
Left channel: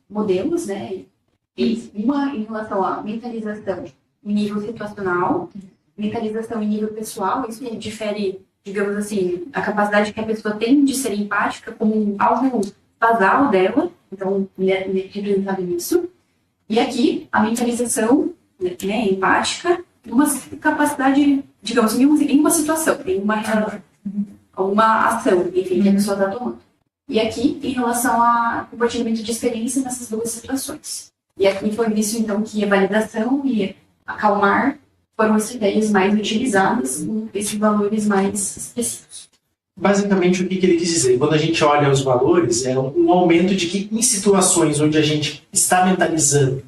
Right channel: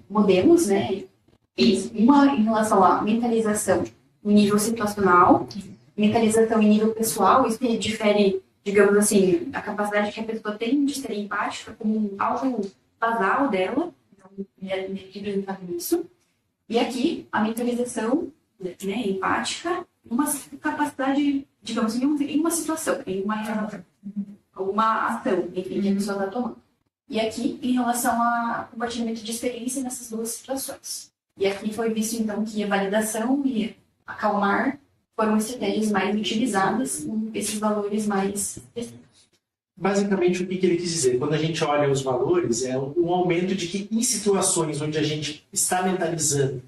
modelos, né? Uma em relação à mentalização em nível situacional, mentalização em nível pessoal, isso que difere, digamos assim, a capacidade que a pessoa tem de ser empática como algo basal dela, então, representado nisso. E aqui, a mentalização, né, empática, uma capacidade, digamos, em uma situação, em uma ação, enfim, que a pessoa está tomando. E aqui, em relação ao compartilhamento de experiência nessas 2 situações. E aqui foi visto, então, que a validação e acalmar foram estratégias mais utilizadas com esses valores mais específicos. Basicamente, o que ele quis dizer? Quando a gente olha os valores, é um aumento de que em situações onde a gente está mentalizando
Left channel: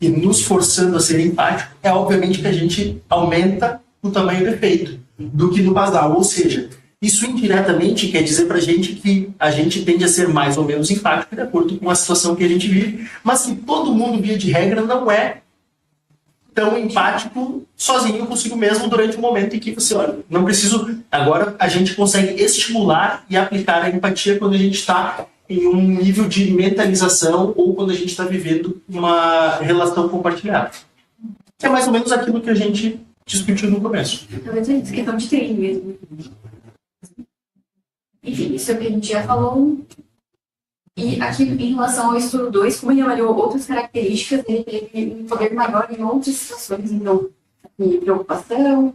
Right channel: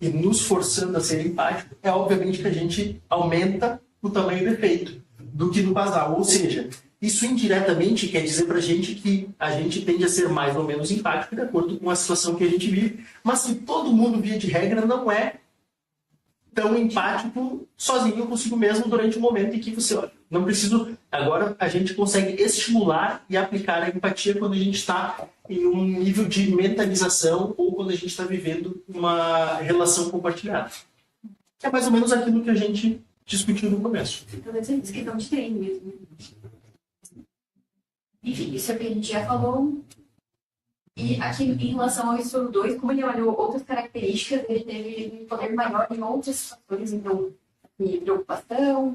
e nos forçando a ser empático, é obviamente que a gente aumenta o tamanho do efeito do que no basal. Ou seja, isso indiretamente quer dizer para a gente que a gente tende a ser mais ou menos empático de acordo com a situação que a gente vive, mas que todo mundo, via de regra, não é tão empático sozinho consigo mesmo durante o momento em que você olha. Não preciso... Agora a gente consegue estimular e aplicar a empatia quando a gente está em um nível de mentalização ou quando a gente está vivendo uma relação compartilhada. Que é mais ou menos aquilo que a gente discutiu no começo. Talvez é questão de treino mesmo. Enfim, isso é o que a gente já falou. E aqui, em relação ao estudo 2, como ele avaliou outras características, ele teve um poder maior em outras situações, então, de preocupação,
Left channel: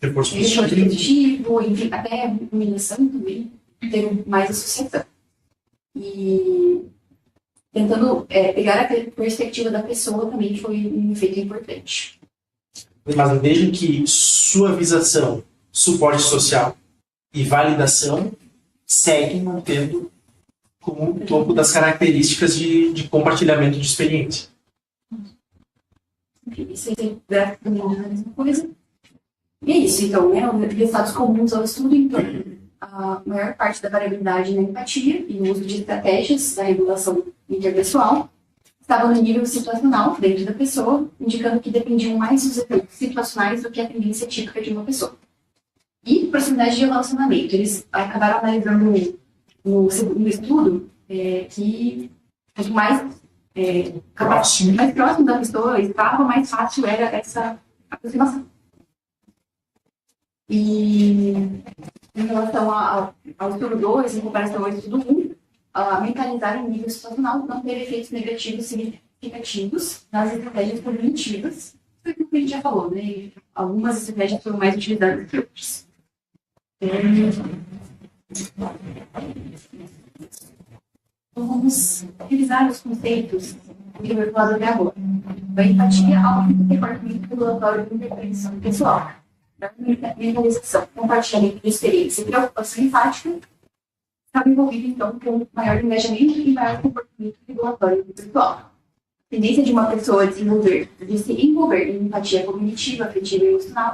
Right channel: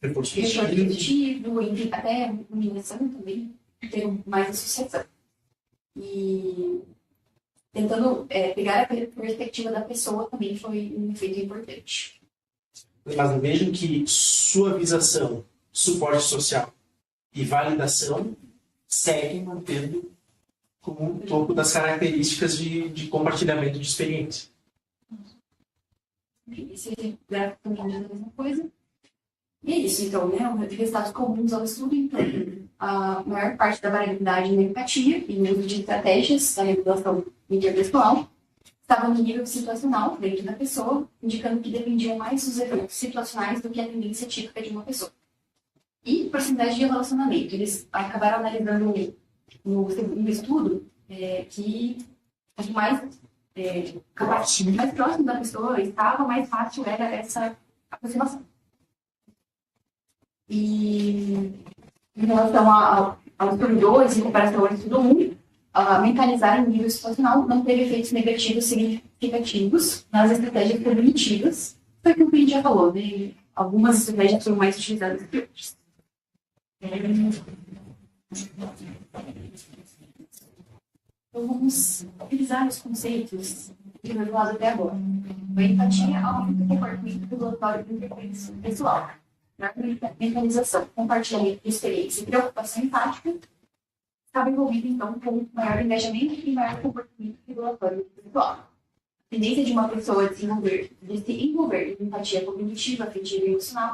Reforço positivo, enfim, até iluminação também, teve mais associação. E tentando pegar a perspectiva da pessoa também foi um efeito importante. Mas vejam que suavização, suporte social e validação seguem mantendo como um topo das características de compartilhamento de experiência. Isso aí também é a mesma coisa. E é isso, então, né? Resultados comuns ao estudo, então, a maior parte da variabilidade na empatia e no uso de estratégias da regulação interpessoal estava no nível situacional dentro da pessoa, indicando que dependiam mais dos efeitos situacionais do que a tendência típica de uma pessoa. E proximidade de relacionamento. Eles acabaram analisando no estudo que quanto mais próximo da pessoa estava, mais fácil era essa aproximação. E em relação ao estudo 2, em comparação ao estudo 1, mentalizar em nível situacional não teve efeitos negativos significativos nas estratégias cognitivas. Foi aquilo que a gente já falou, né? Algumas estratégias foram mais utilizadas que outras. Então, vamos revisar os conceitos que foi falado até agora. A empatia aumenta o comportamento regulatório de intervenção pessoal. Mentalização, compartilhamento de experiência e preocupação empática estava envolvido, então, com maior engajamento e maior comportamento regulatório pessoal. A tendência de uma pessoa de se envolver em empatia cognitiva, afetiva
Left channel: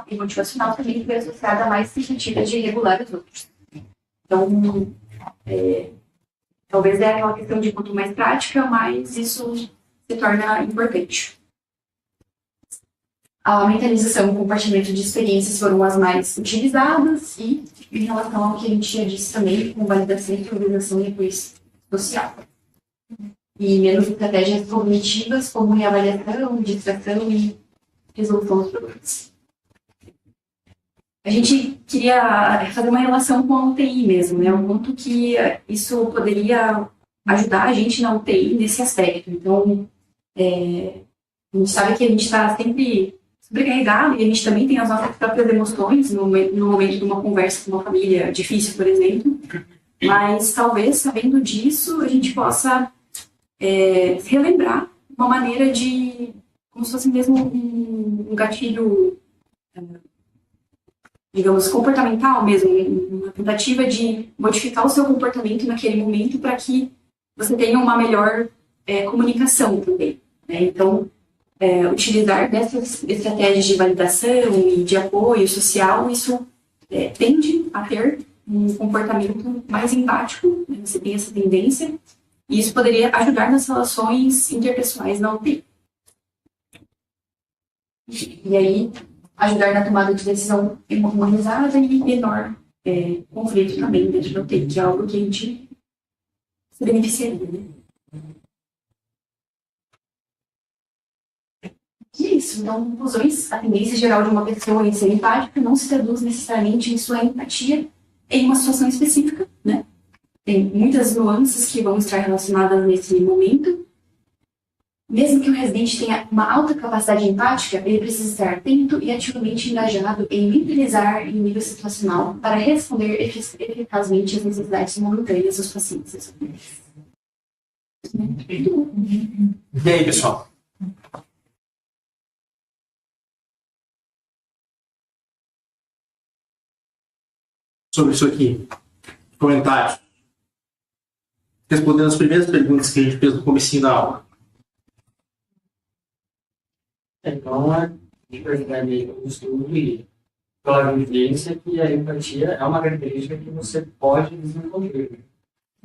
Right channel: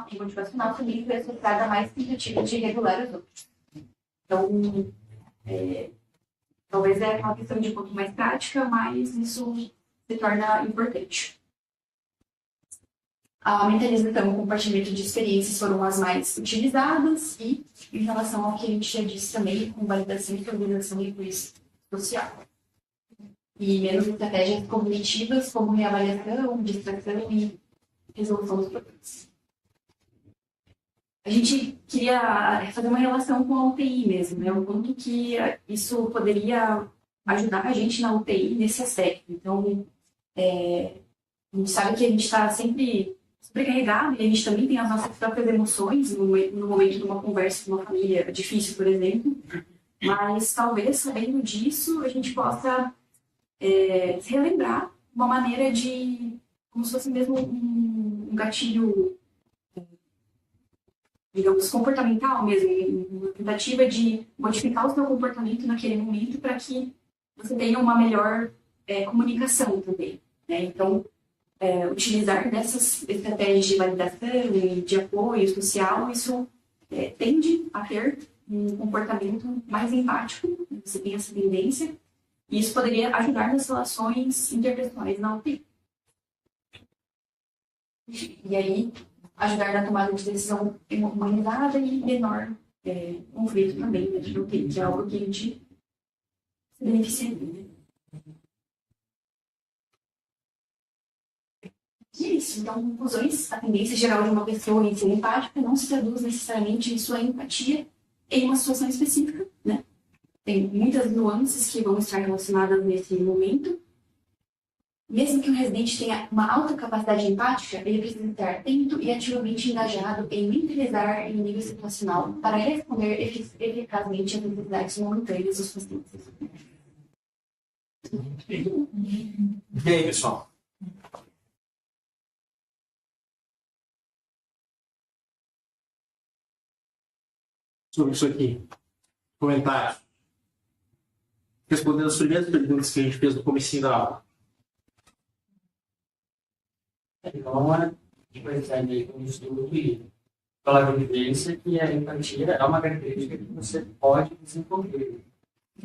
e motivacional também foi associada a mais tentativas de regular os outros. Então, talvez é aquela questão de quanto mais prática, mais isso se torna importante. a mentalização e o compartilhamento de experiências foram as mais utilizadas e em relação ao que a gente já disse também, com validação, organização e apoio social. E menos estratégias cognitivas, como reavaliação, distração e resolução dos problemas. A gente queria fazer uma relação com a UTI mesmo, né? O quanto que isso poderia ajudar a gente na UTI nesse aspecto. Então, a gente sabe que a gente está sempre sobrecarregado e a gente também tem as nossas próprias emoções no momento de uma conversa com uma família difícil, por exemplo. Mas talvez, sabendo disso, a gente possa se relembrar uma maneira de, como se fosse mesmo um gatilho, digamos, comportamental mesmo, uma tentativa de modificar o seu comportamento naquele momento para que você tenha uma melhor comunicação também, né? Então, utilizar dessas estratégias de validação e de apoio social, isso tende a ter um comportamento mais empático, né? Você tem essa tendência, e isso poderia ajudar nas relações interpessoais na UTI. E aí, ajudar na tomada de decisão humanizada e menor conflito também dentro da UTI, que é algo que a gente se beneficiaria, né? E é isso. Então, conclusões. A tendência geral de uma pessoa em ser empática não se traduz necessariamente em sua empatia em uma situação específica, né? Tem muitas nuances que vão estar relacionadas nesse momento. Mesmo que o residente tenha uma alta capacidade empática, ele precisa estar atento e ativamente engajado em mentalizar em nível situacional para responder eficazmente às necessidades momentâneas dos pacientes. E aí, pessoal? Sobre isso aqui, comentários. Respondendo as primeiras perguntas que a gente fez no comecinho da aula. Então, a gente percebe no estudo e pela vivência que a empatia é uma característica que você pode desenvolver.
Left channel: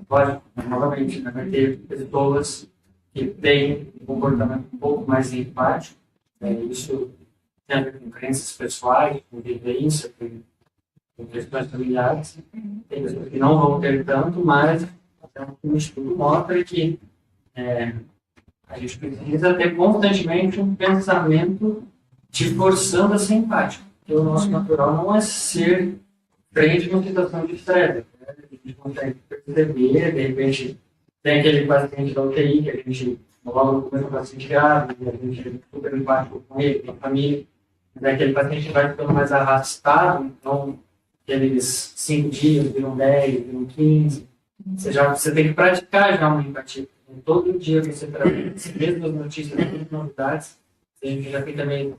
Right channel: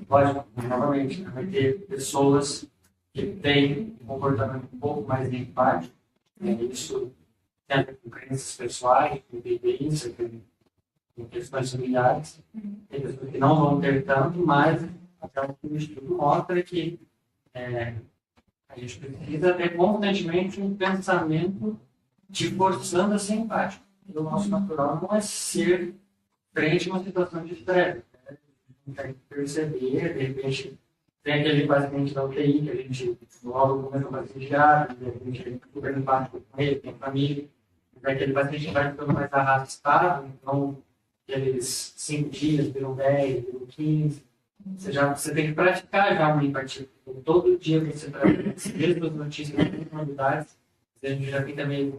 Pode, novamente, né, vai ter pessoas que têm um comportamento um pouco mais empático, isso tem a ver com crenças pessoais, com vivência, com questões familiares. Tem pessoas que não vão ter tanto, mas até um estudo mostra que a gente precisa ter constantemente um pensamento te forçando a ser empático. Porque o nosso natural não é ser frente a uma situação de estresse. Né? A gente consegue perceber, de repente, tem aquele paciente da UTI que a gente logo começa o paciente grave, a gente é super empático com ele, com a família. Mas aquele paciente vai ficando mais arrastado, então aqueles 5 dias, viram 10, viram 15. Você tem que praticar já uma empatia. Todo dia você traz as mesmas notícias, as mesmas novidades, a gente já fica meio,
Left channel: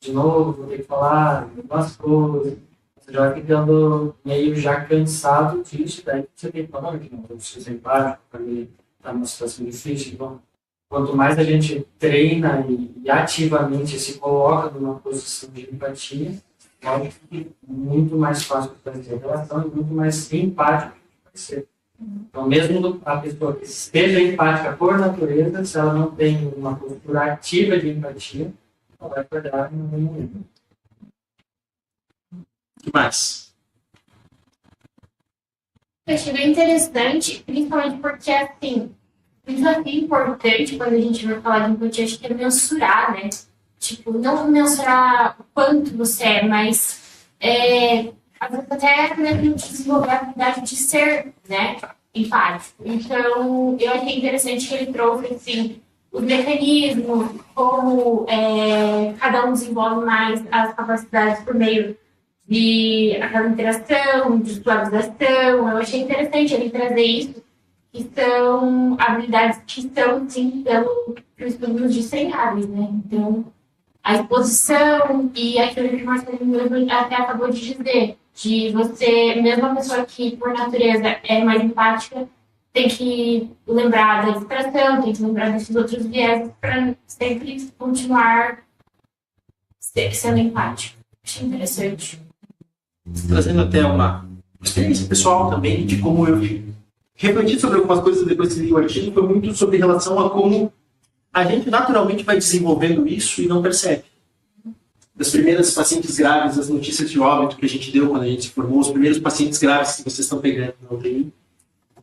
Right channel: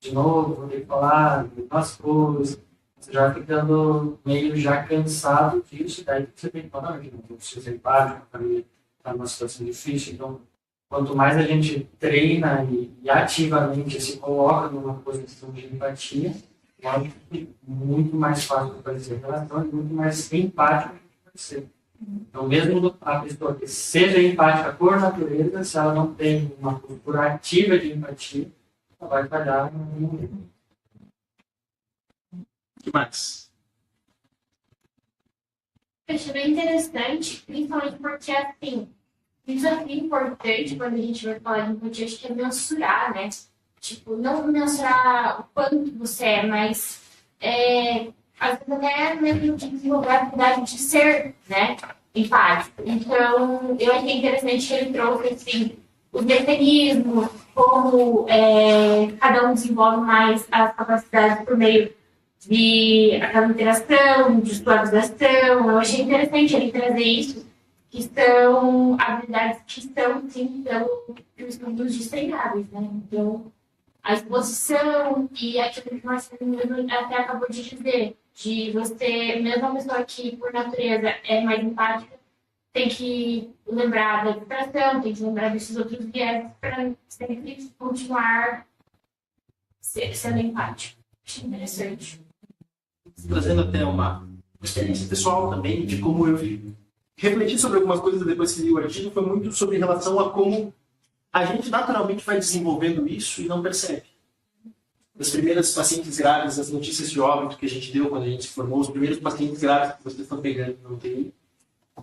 de novo, vou ter que falar algumas coisas, você já vai ficando meio já cansado disso, daí você tem que falar, não, eu preciso ser empático, para mim está numa situação difícil. Então, quanto mais a gente treina e ativamente se coloca numa posição de empatia, lógico que muito mais fácil vai ser a relação e muito mais empático vai ser. Então, mesmo a pessoa que seja empática por natureza, se ela não tem uma postura ativa de empatia, ela vai falhar em algum momento. O que mais? Eu achei bem interessante, principalmente porque, assim, um desafio importante quando a gente vai falar de empatia, acho que é mensurar, né? Tipo, não mensurar o quanto você é, mas às vezes até mesmo desenvolver a habilidade de ser, né, empático. Então, eu achei interessante que ele trouxe, assim, os mecanismos, como cada um desenvolve mais as capacidades por meio de aquela interação, de suavização. Eu achei interessante ele trazer isso, que são habilidades que são, sim, pelo estudo nos disseminados, né? Então, a exposição e aquilo que o Marcelo mesmo até acabou de dizer, de você, mesmo a pessoa que, por natureza, é mais empática, tem que lembrar da distração, tem que lembrar desses outros viés para sempre continuar sendo empático. Achei interessante. Trazendo até uma experiência pessoal também de como eu refleti sobre algumas coisas depois que li o artigo, foi muito sobre relação a como a gente naturalmente vai desenvolvendo isso e não percebe. das primeiras pacientes graves, as notícias de óbito que a gente deu quando a gente se formou, os primeiros pacientes graves que vocês estão pegando na UTI.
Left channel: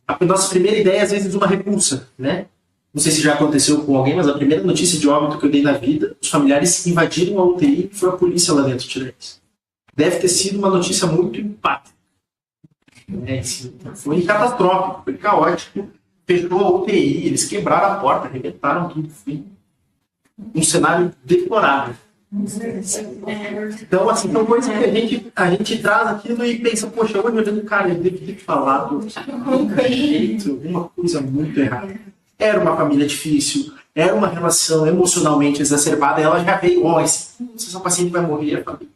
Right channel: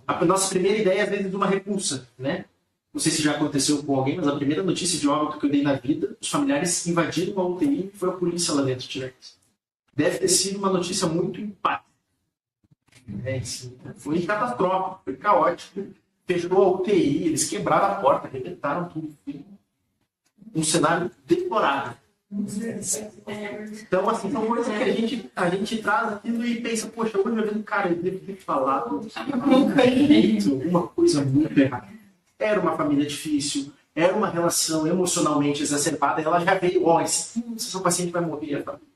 A nossa primeira ideia, às vezes, é uma repulsa, né? Não sei se já aconteceu com alguém, mas a primeira notícia de óbito que eu dei na vida, os familiares invadiram a UTI e foi a polícia lá dentro tirar eles. Deve ter sido uma notícia muito empática. Assim, foi catastrófico, foi caótico. Fechou a UTI, eles quebraram a porta, arrebentaram tudo. Foi um cenário deplorável. Então, assim, são coisas que a gente traz aquilo e pensa, poxa, hoje eu vendo, cara, eu devo ter falado uma coisa muito errada. Era uma família difícil, era uma relação emocionalmente exacerbada, ela já veio, esse paciente vai morrer, a família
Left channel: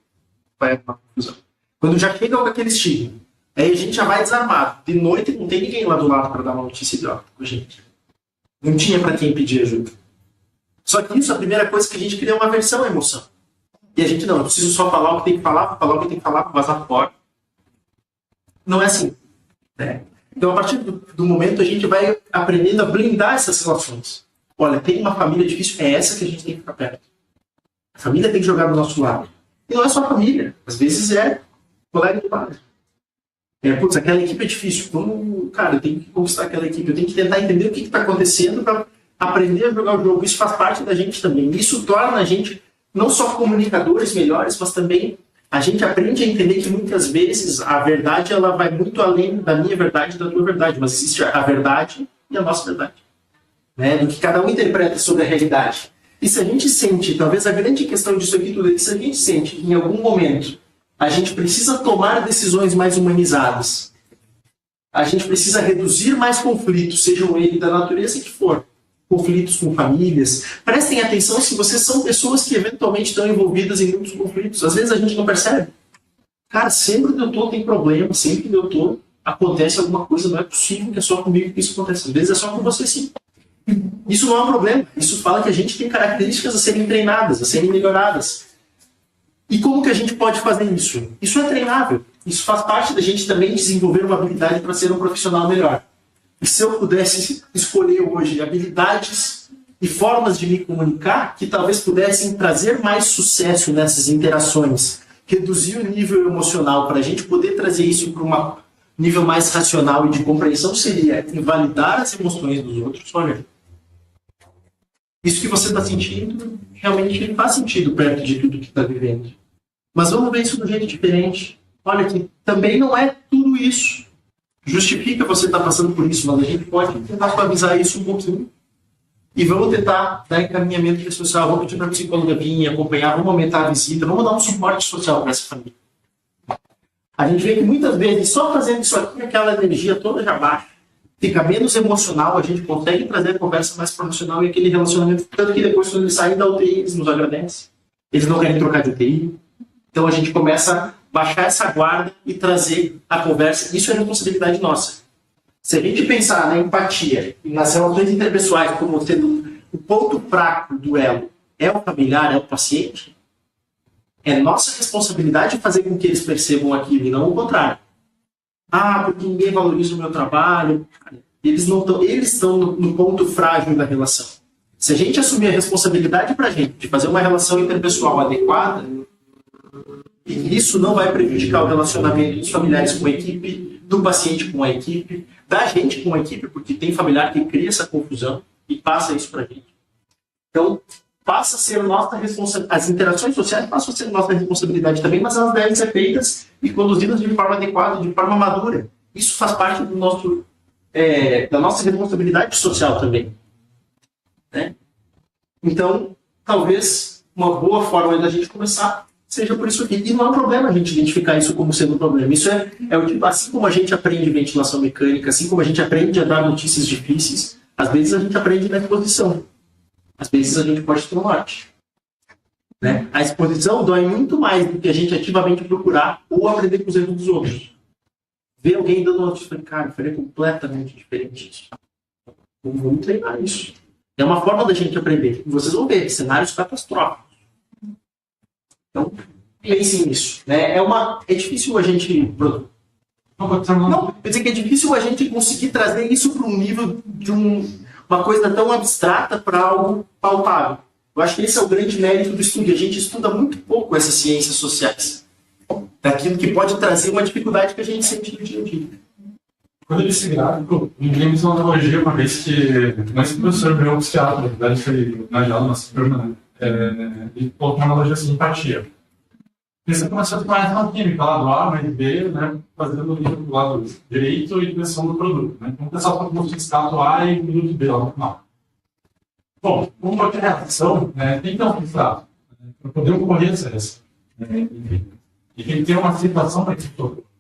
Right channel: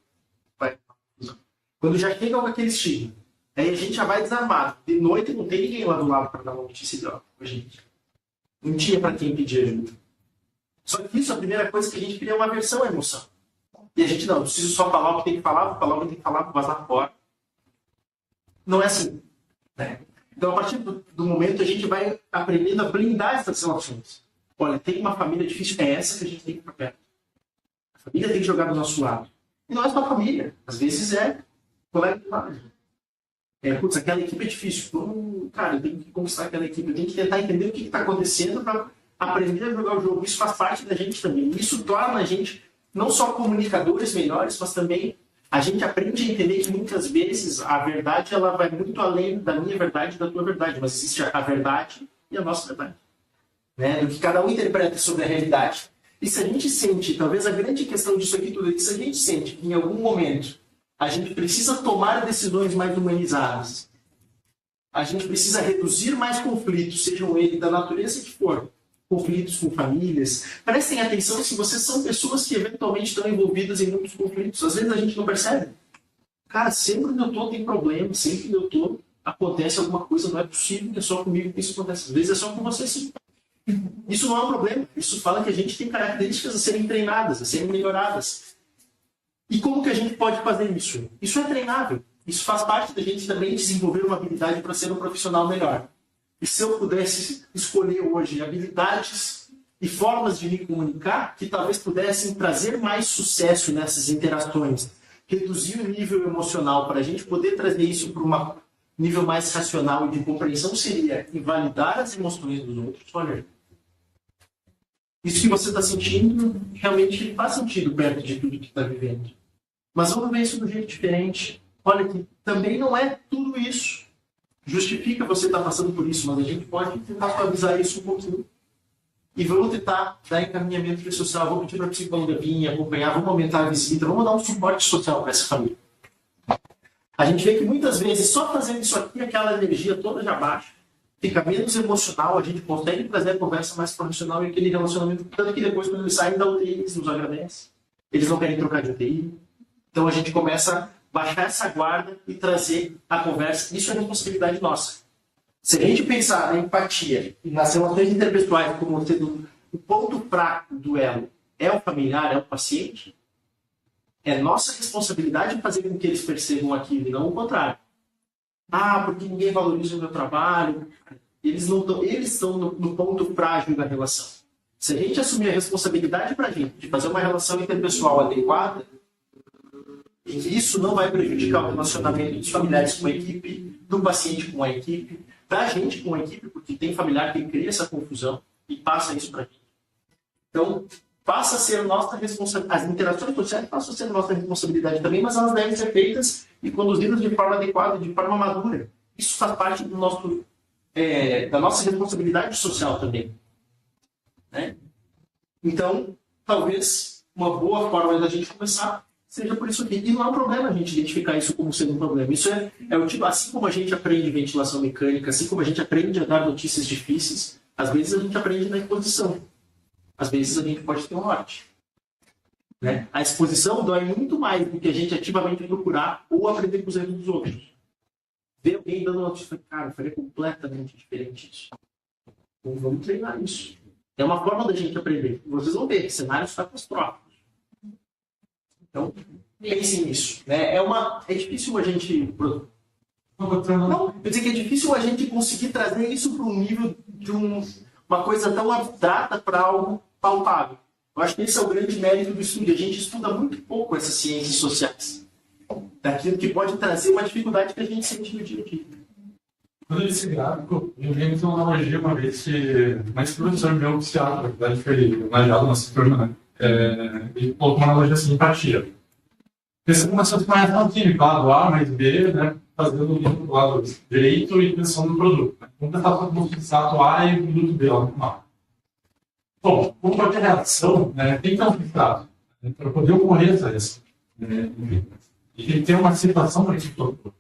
vai uma confusão. Quando já chega com aquele estigma, aí a gente já vai desarmado. De noite não tem ninguém lá do lado para dar uma notícia de óbito com a gente. Não tinha para quem pedir ajuda. Só que isso, a primeira coisa que a gente cria é uma aversão à emoção. E a gente, não, eu preciso só falar o que tem que falar, falar o que tem que falar, vazar fora. Não é assim. Né? Então, a partir do momento, a gente vai aprendendo a blindar essas relações. Olha, tem uma família difícil, é essa que a gente tem que ficar perto. A família tem que jogar do nosso lado. E não é só a família. Às vezes é colega de base. Putz, aquela equipe é difícil. Então, cara, eu tenho que conquistar aquela equipe. Eu tenho que tentar entender o que está acontecendo para aprender a jogar o jogo. Isso faz parte da gente também. Isso torna a gente não só comunicadores melhores, mas também a gente aprende a entender que muitas vezes a verdade ela vai muito além da minha verdade e da tua verdade. Mas existe a verdade e a nossa verdade. Né? Do que cada um interpreta sobre a realidade. E se a gente sente, talvez a grande questão disso aqui tudo é que se a gente sente que em algum momento a gente precisa tomar decisões mais humanizadas, a gente precisa reduzir mais conflitos, sejam eles da natureza que for, conflitos com famílias. Prestem atenção se vocês são pessoas que eventualmente estão envolvidas em muitos conflitos. Às vezes a gente não percebe. Cara, sempre que eu estou tem problema, sempre que eu estou acontece alguma coisa, não é possível que é só comigo que isso acontece. Às vezes é só com você sim. Isso não é um problema. Isso fala que a gente tem características a serem treinadas, a serem melhoradas. E como que a gente pode fazer isso? Isso é treinável. Isso faz parte da gente também desenvolver uma habilidade para ser um profissional melhor. E se eu pudesse escolher hoje habilidades e formas de me comunicar que talvez pudessem trazer mais sucesso nessas interações, reduzir o nível emocional para a gente poder trazer isso para um nível mais racional e de compreensão, seria invalidar as emoções dos outros. Olha, isso que você está sentindo realmente faz sentido perto de tudo que está vivendo. Mas vamos ver isso de um jeito diferente. Olha que também não é tudo isso. Justifica você estar passando por isso, mas a gente pode tentar suavizar isso um pouquinho. E vamos tentar dar encaminhamento social, vamos pedir para a psicóloga vir acompanhar, vamos aumentar a visita, vamos dar um suporte social para essa família. A gente vê que muitas vezes só fazendo isso aqui, aquela energia toda já baixa. Fica menos emocional, a gente consegue trazer a conversa mais profissional e aquele relacionamento. Tanto que depois, quando eles saem da UTI, eles nos agradecem. Eles não querem trocar de UTI. Então a gente começa a baixar essa guarda e trazer a conversa. Isso é responsabilidade nossa. Se a gente pensar na empatia e nas relações interpessoais como sendo o ponto fraco do elo é o familiar, é o paciente, é nossa responsabilidade fazer com que eles percebam aquilo e não o contrário. Porque ninguém valoriza o meu trabalho. Eles estão no ponto frágil da relação. Se a gente assumir a responsabilidade para a gente de fazer uma relação interpessoal adequada, e isso não vai prejudicar o relacionamento dos familiares com a equipe, do paciente com a equipe, da gente com a equipe, porque tem familiar que cria essa confusão e passa isso para a gente. Então, passa a ser nossa responsabilidade. As interações sociais passam a ser nossa responsabilidade também, mas elas devem ser feitas e conduzidas de forma adequada, de forma madura. Isso faz parte do da nossa responsabilidade social também. Né? Então, talvez uma boa forma da gente começar seja por isso aqui. E não há problema a gente identificar isso como sendo um problema. Isso é o tipo, assim como a gente aprende ventilação mecânica, assim como a gente aprende a dar notícias difíceis, às vezes a gente aprende na exposição. Às vezes a gente pode ter um norte. Né? A exposição dói muito mais do que a gente ativamente procurar ou aprender com os erros dos outros. Ver alguém dando notícia, cara, faria completamente diferente isso. Vamos treinar isso. É uma forma da gente aprender. Vocês vão ver cenários catastróficos. Então, pensem nisso. Né? É difícil a gente... Não, quer dizer que é difícil a gente conseguir trazer isso para um nível de uma coisa tão abstrata para algo palpável. Eu acho que esse é o grande mérito do estudo. A gente estuda muito pouco essas ciências sociais, daquilo que pode trazer uma dificuldade que a gente sente no dia a dia. Quando eu disse gráfico, ninguém me usou uma analogia uma vez que esse professor meu, psiquiatra, na verdade foi homenageado na nossa turma, né? Ele colocou uma analogia assim, empatia. Porque você começou a ter uma reação química lá do A mais B, né? Fazendo o livro do lado direito e pensando no produto. Né? Então, o pessoal está com o substrato A e o produto B lá no final. Bom, como qualquer reação, né, tem que ter um substrato, né, para poder ocorrer essa reação. Né? E tem que ter uma situação para que isso ocorra.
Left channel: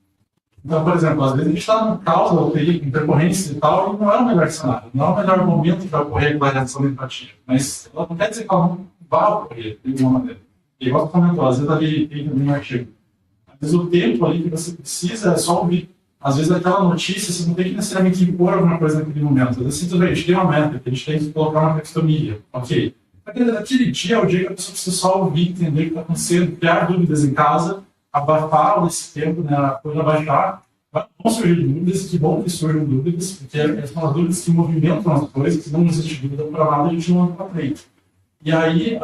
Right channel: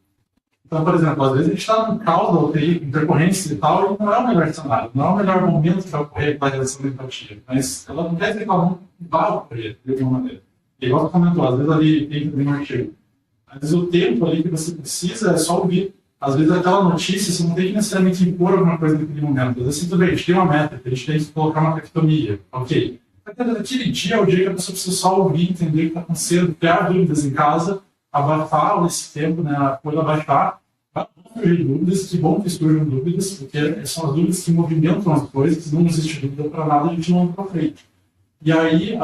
Então, por exemplo, às vezes a gente está no caos da UTI, com intercorrência e tal, e não é o melhor cenário, não é o melhor momento para ocorrer aquela reação de empatia. Mas ela não quer dizer que ela não vai ocorrer de alguma maneira. E igual você comentou, às vezes ali tem também um artigo. Às vezes o tempo ali que você precisa é só ouvir. Às vezes aquela notícia, você não tem que necessariamente impor alguma coisa naquele momento. Às vezes, tudo bem, a gente tem uma meta, a gente tem que colocar uma taxonomia. Ok. Naquele dia é o dia que a pessoa precisa só ouvir, entender o que está acontecendo, criar dúvidas em casa, abafar esse tempo, né, a coisa abaixar. Vão surgir dúvidas, que bom que surjam dúvidas, porque são as dúvidas que movimentam as coisas, se não existe dúvida para nada, a gente não anda para frente. E aí,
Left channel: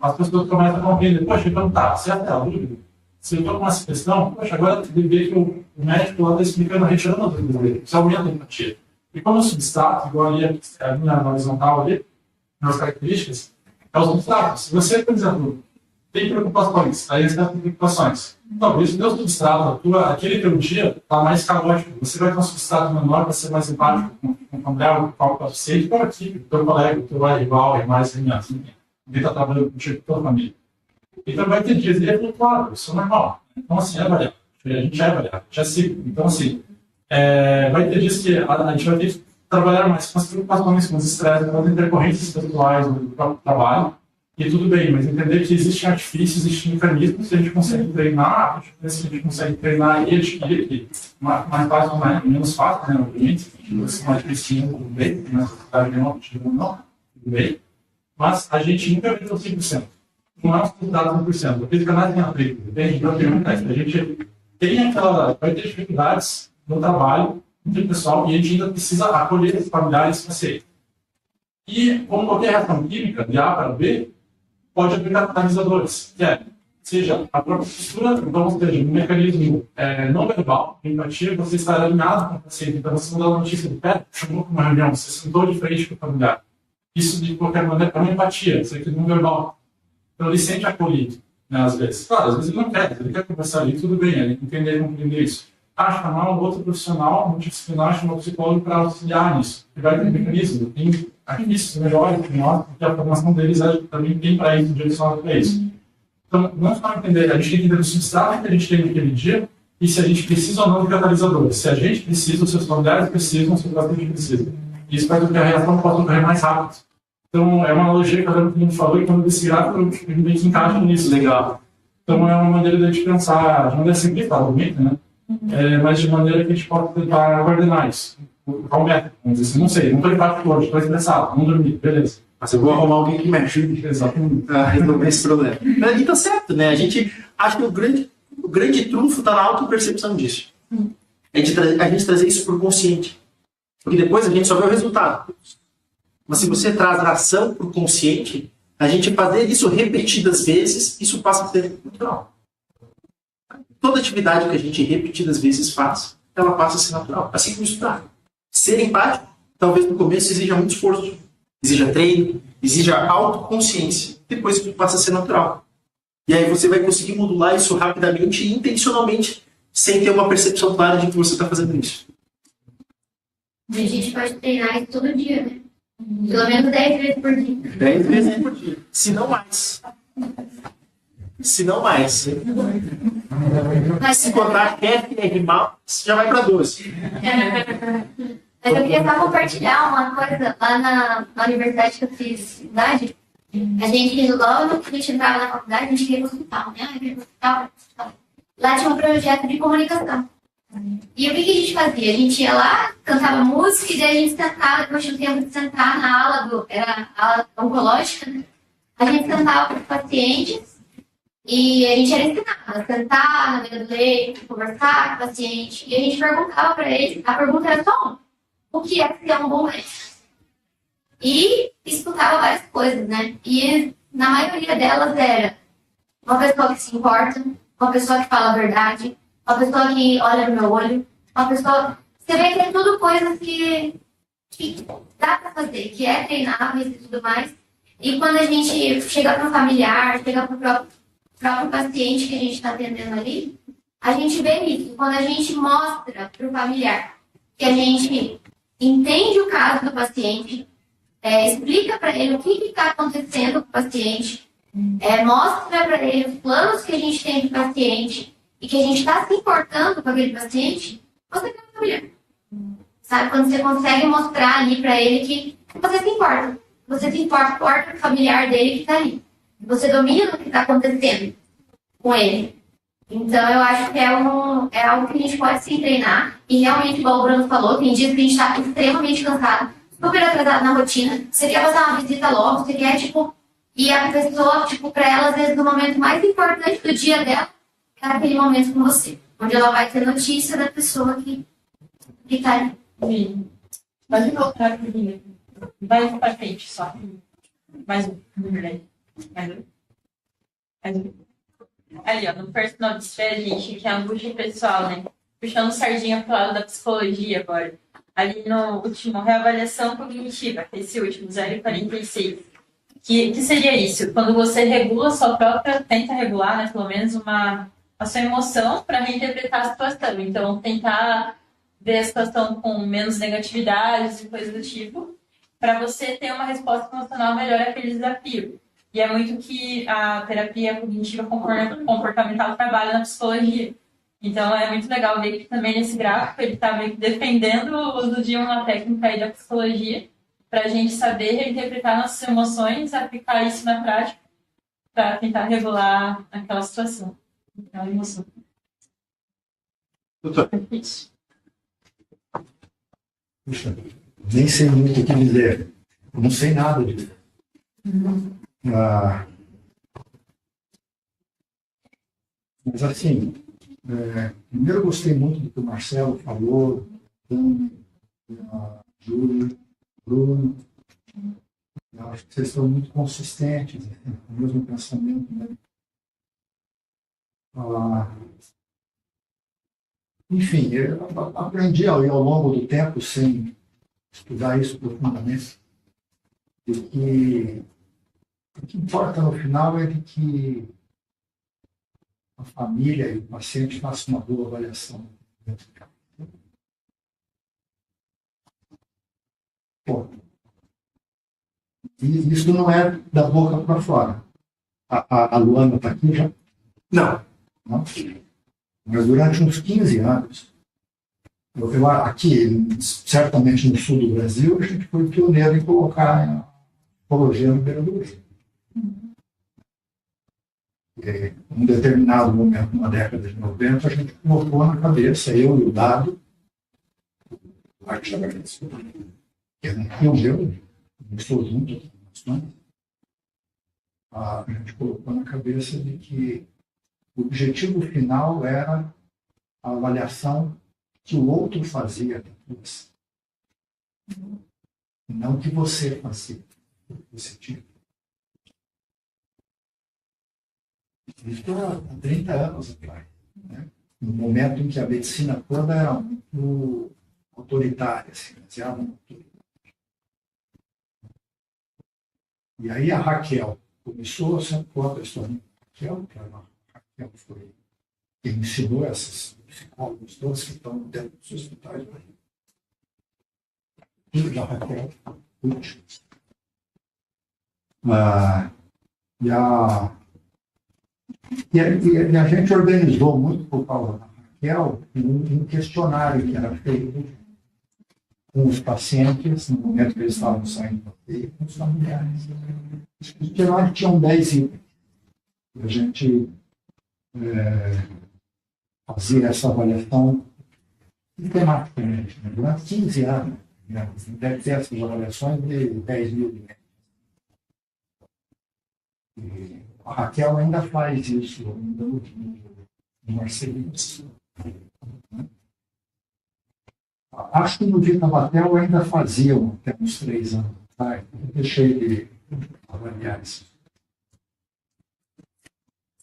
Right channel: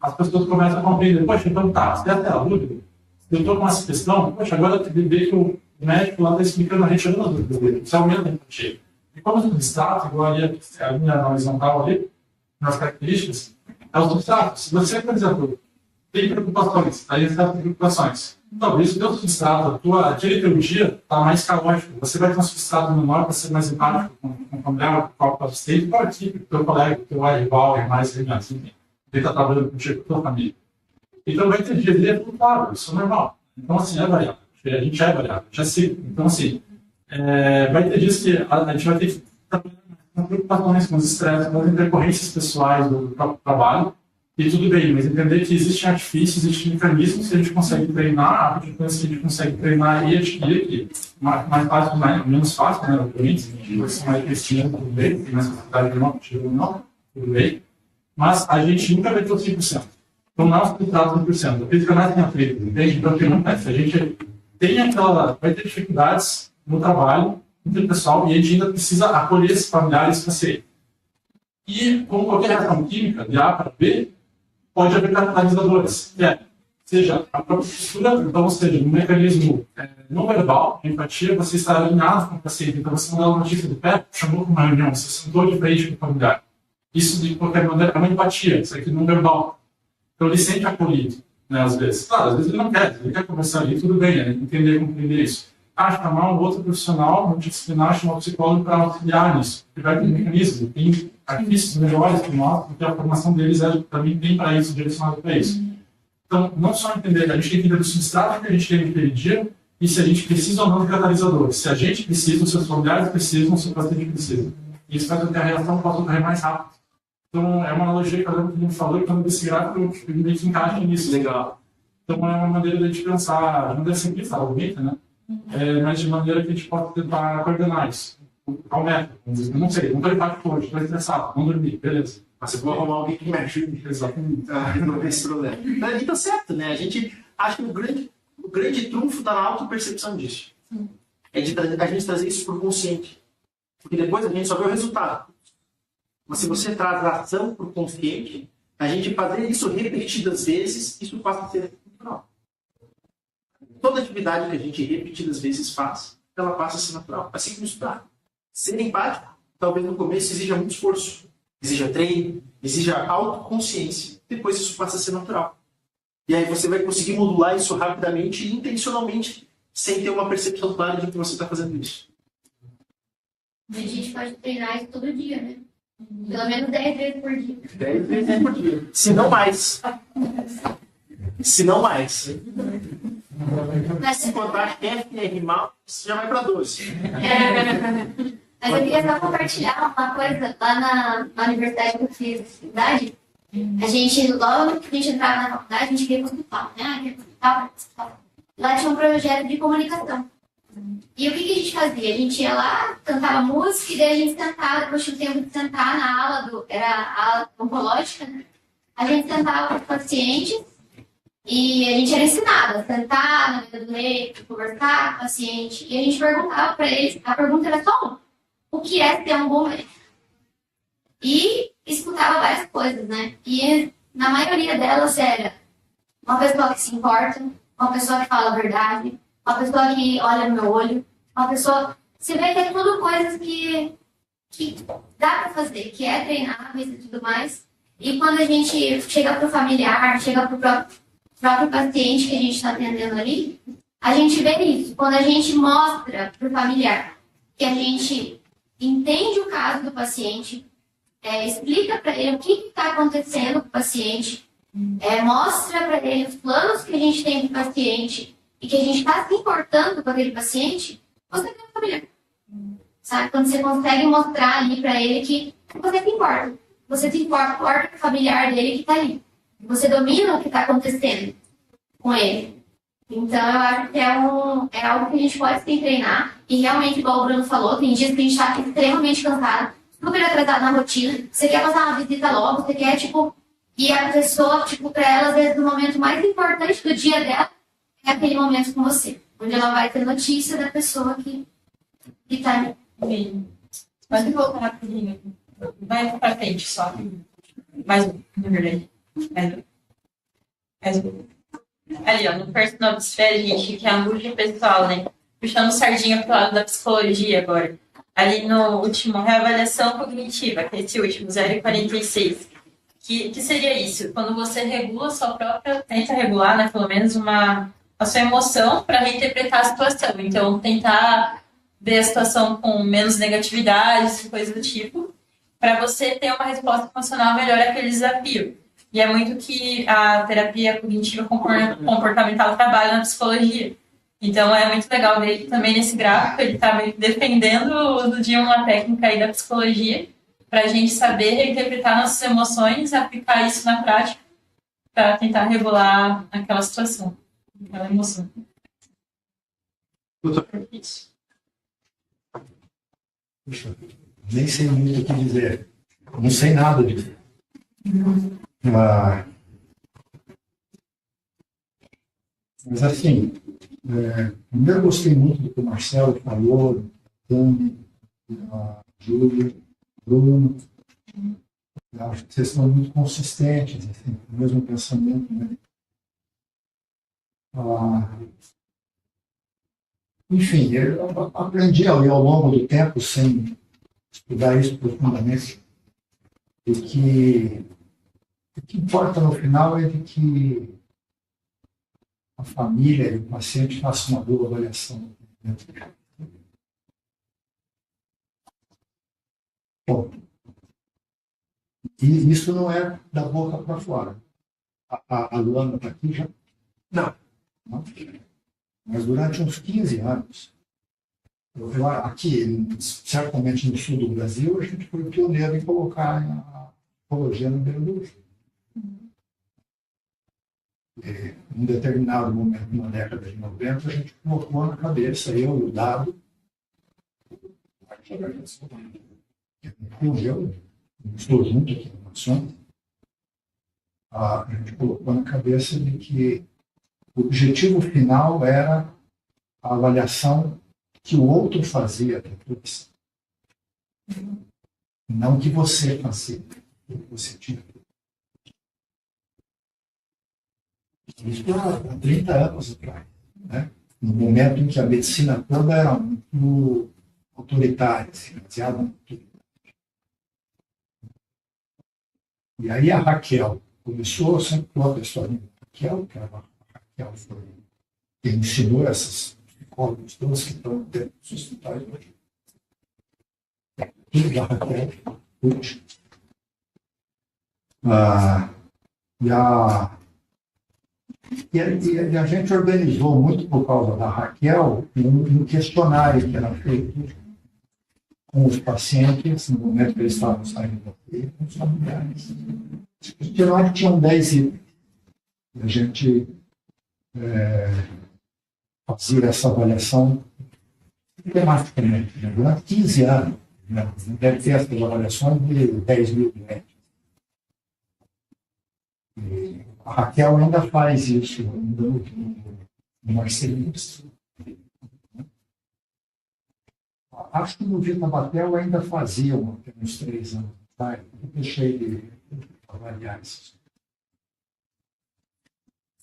as pessoas começam a compreender, poxa, então tá, se até a dúvida, se eu estou com essa questão, poxa, agora ver que o médico lá está explicando, retirando a dúvida dele, isso aumenta a empatia. E como o substrato, igual ali a linha horizontal ali, nas características, é o substrato. Se você, por exemplo, tem preocupações, aí você tem preocupações. Talvez o teu substrato, aquele teu dia, está mais caótico. Você vai ter um substrato menor para ser mais empático com o familiar, com o paciente, com a equipe, com o teu colega, com o teu rival, é mais assim, ele está trabalhando contigo, com a tua família. Então vai ter dias, ele é flutuável, isso é normal. Então, assim, é variável. A gente é variável, a gente é ciclo. Então, assim, vai ter dias que a gente vai ter que trabalhar mais com as preocupações, com os estresses, com as intercorrências pessoais do próprio trabalho. E tudo bem, mas entender que existem artifícios, existem mecanismos que a gente consegue treinar, aptidões que a gente consegue treinar e adquirir aqui. Mais fácil, menos fácil, né? Obviamente, a gente vai ser mais preciso, tudo bem, tem mais facilidade de não, tudo bem. Mas a gente nunca vai ter o 100%. Então não é um resultado 100%. A física não é tem atrito, entende? Então o que acontece? A gente vai ter dificuldades no trabalho interpessoal e a gente ainda precisa acolher esses familiares para ser. E, como qualquer reação química, de A para B, pode haver catalisadores, seja a própria postura, então, ou seja, um mecanismo não verbal, de empatia, você está alinhado com o paciente, então você não dá uma notícia de pé, chamou para uma reunião, você sentou de frente com o familiar. Isso, de qualquer maneira, é uma empatia, isso aqui não verbal. Então, ele sente acolhido, né, às vezes. Claro, às vezes ele não quer, ele quer conversar ali, tudo bem, ele entender e compreender isso. Chamar um outro profissional multidisciplinar, chamar um psicólogo para auxiliar nisso, que vai ter mecanismos, tem artifícios melhores que nós, porque a formação deles também tem para isso, direcionado para isso. Então, não só entender, a gente tem que entender o substrato que a gente tem naquele dia e se a gente precisa ou não de catalisadores. Se a gente precisa, os seus familiares precisam, o seu paciente precisa. Isso faz com que a reação possa ocorrer mais rápido. Então, é uma analogia que a gente falou e quando desse gráfico, a gente encaixa nisso. Legal. Então, é uma maneira de a gente pensar, de maneira simplista, bonita, né? Mas de maneira que a gente possa tentar coordenar isso. Qual método? Vamos dizer assim, não sei, não estou empático hoje, estou estressado, não dormi, beleza. Mas eu vou arrumar alguém que me ajude a resolver esse problema. E tá certo, né? A gente acha que o grande trunfo está na autopercepção disso. É de a gente trazer isso para o consciente. Porque depois a gente só vê o resultado. Mas se você traz a ação para o consciente, a gente fazer isso repetidas vezes, isso passa a ser natural. Toda atividade que a gente repetidas vezes faz, ela passa a ser natural. Assim como estudar. Ser empático, talvez no começo exija muito esforço, exija treino, exija autoconsciência. Depois isso passa a ser natural. E aí você vai conseguir modular isso rapidamente e intencionalmente, sem ter uma percepção clara de que você está fazendo isso. A gente pode treinar isso todo dia, né? Pelo menos 10 vezes por dia. 10 vezes por dia. Se não mais. Se não mais. Mas se botar chefe e rimar, você já vai para 12. Mas eu queria só compartilhar uma coisa. Lá na universidade que eu fiz idade, a gente, logo que a gente entrava na faculdade, a gente queria ir pro hospital, né? Queria ir pro hospital. Lá tinha um projeto de comunicação. E o que a gente fazia? A gente ia lá, cantava música, e daí a gente sentava, depois tinha um tempo de sentar na ala era a ala oncológica, né? A gente sentava com os pacientes e a gente era ensinado a sentar na beira do leito, conversar com o paciente, e a gente perguntava para eles, a pergunta era só uma: o que é ser um bom médico? E escutava várias coisas, né? E na maioria delas era uma pessoa que se importa, uma pessoa que fala a verdade, uma pessoa que olha no meu olho, uma pessoa... Você vê que é tudo coisas que dá para fazer, que é treináveis e tudo mais. E quando a gente chega para o familiar, chega para o próprio paciente que a gente está atendendo ali, a gente vê isso. Quando a gente mostra para o familiar que a gente entende o caso do paciente, explica para ele o que está acontecendo com o paciente, mostra para ele os planos que a gente tem para o paciente e que a gente está se importando com aquele paciente, você tem um familiar. Sabe? Quando você consegue mostrar ali para ele que você se importa. Você se importa com o familiar dele que está ali. Você domina o que está acontecendo com ele. Então, eu acho que é algo que a gente pode se treinar. E realmente, igual o Bruno falou, tem dias que a gente está extremamente cansado, super atrasado na rotina. Você quer fazer uma visita logo, você quer, e a pessoa, para ela, às vezes, no momento mais importante do dia dela, é aquele momento com você. Onde ela vai ter notícia da pessoa que está ali. Sim. Pode voltar rapidinho. Vai pra frente só. Mais um, na verdade. Mais um. Ali, ó, no personal desfere, gente, que é angústia pessoal, né? Puxando sardinha pro lado da psicologia agora. Ali no último, reavaliação cognitiva, que é esse último, 0,46. Que seria isso? Quando você regula a sua própria, tenta regular, né, pelo menos a sua emoção para reinterpretar a situação. Então, tentar ver a situação com menos negatividades e coisas do tipo, para você ter uma resposta emocional melhor àquele desafio. E é muito que a terapia cognitiva comportamental trabalha na psicologia. Então, é muito legal ver que também nesse gráfico ele está meio que defendendo o uso de uma técnica aí da psicologia para a gente saber reinterpretar nossas emoções, aplicar isso na prática para tentar regular aquela situação, aquela emoção. Doutor. Puxa, nem sei muito o que dizer. Não sei nada disso. Mas assim, primeiro eu gostei muito do que o Marcelo falou, a Júlia, Bruno. Eu acho que vocês são muito consistentes, assim, com o mesmo pensamento. Né? Enfim, eu aprendi ao longo do tempo, sem estudar isso profundamente, de que o que importa no final é de que a família e o paciente façam uma boa avaliação. Bom, e isso não é da boca para fora. A Luana está aqui já? Não. Não? Mas durante uns 15 anos, aqui, certamente no sul do Brasil, a gente foi pioneiro em colocar a psicologia no beira do rio. Em um determinado momento, na década de 90, a gente colocou na cabeça, eu e o Dado, que é um tio meu, estou junto aqui na Nações, a gente colocou na cabeça de que o objetivo final era a avaliação que o outro fazia depois. Não que você fazia, que você tinha. Isso há 30 anos atrás. Né? No momento em que a medicina toda era muito autoritária, assim, baseada no autoridade. E aí a Raquel começou, sempre foi a pessoa da Raquel, que a Raquel foi quem ensinou essas psicólogos todos que estão dentro dos hospitais hoje. Tudo da Raquel, útil. E a gente organizou muito por causa da Raquel um questionário que era feito com os pacientes no momento que eles estavam saindo da UTI, com os familiares. Esse questionário tinha 10 itens. A gente fazia essa avaliação sistematicamente, né? Durante 15 anos. Né? Deve ter essas avaliações de 10 mil médicos. A Raquel ainda faz isso, no Marcelinho. Acho que no Vitabatel ainda faziam até uns 3 anos. pais, eu deixei de avaliar isso.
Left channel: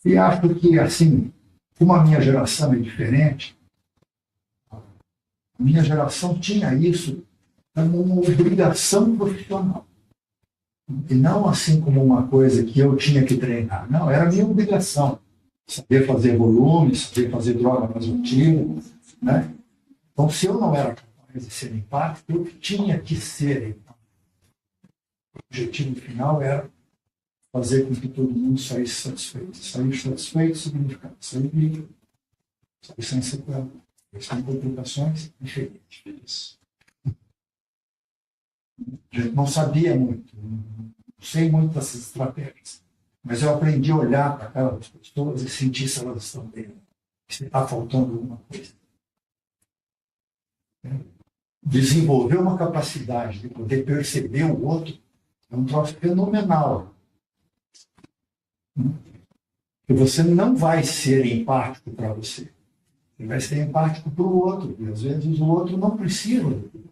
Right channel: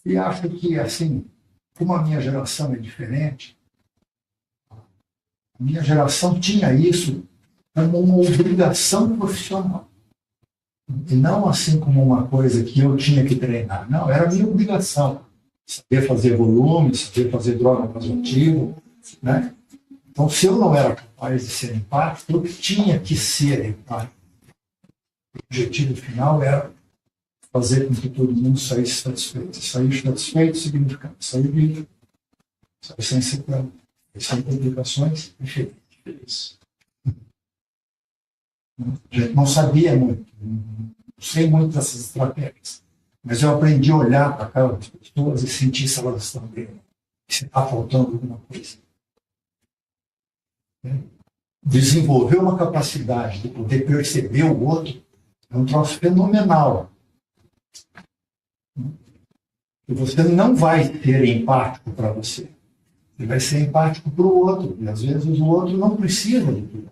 E acho que, assim, como a minha geração é diferente, a minha geração tinha isso como uma obrigação profissional. E não assim como uma coisa que eu tinha que treinar. Não, era a minha obrigação. Saber fazer volume, saber fazer droga vasoativa, né? Então, se eu não era capaz de ser empático, eu tinha que ser empático. O objetivo final era fazer com que todo mundo saísse satisfeito. Sair satisfeito significa sair vivo, sair sem sequela, sem complicações e feliz. A gente não sabia muito, não sei muito dessas estratégias, mas eu aprendi a olhar para aquelas pessoas e sentir se elas estão bem, se está faltando alguma coisa. Desenvolver uma capacidade de poder perceber o outro é um troço fenomenal. E você não vai ser empático para você. Você vai ser empático para o outro. E às vezes o outro não precisa de tudo.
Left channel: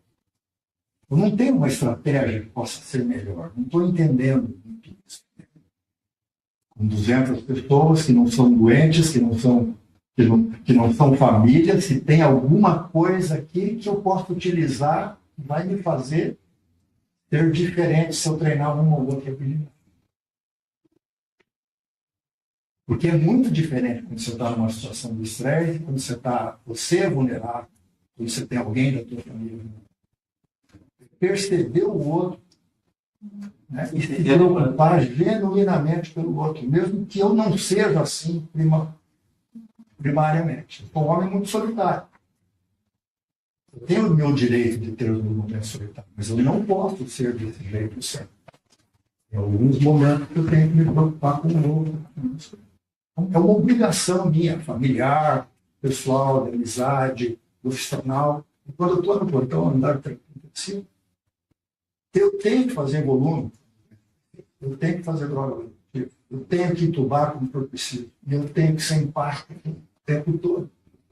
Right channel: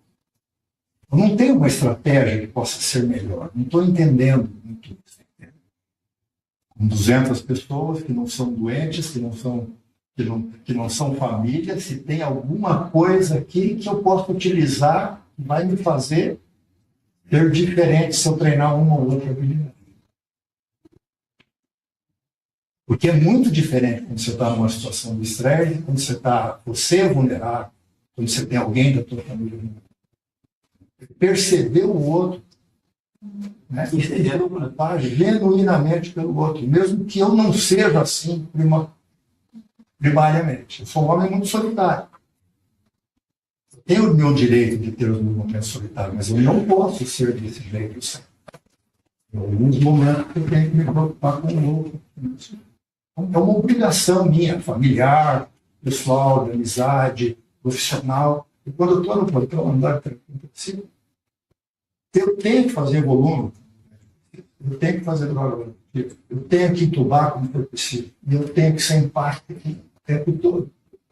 Eu não tenho uma estratégia que possa ser melhor. Não estou entendendo muito isso. Com 200 pessoas que não são doentes, que não são famílias, se tem alguma coisa aqui que eu posso utilizar, vai me fazer ser diferente se eu treinar uma ou outra habilidade. Porque é muito diferente quando você está numa situação de estresse, quando você é vulnerável, quando você tem alguém da tua família vulnerável. Perceber o outro, né? E se preocupar genuinamente pelo outro, mesmo que eu não seja assim primariamente. Eu sou um homem muito solitário. Eu tenho o meu direito de ter os meus momentos solitários, mas eu não posso ser desse jeito sempre. Em alguns momentos eu tenho que me preocupar com o outro. É uma obrigação minha, familiar, pessoal, de amizade, profissional. E quando eu estou no portão, andar tranquilo, eu tenho que fazer volume, eu tenho que fazer droga, eu tenho que entubar como for preciso, e eu tenho que ser empático o tempo todo,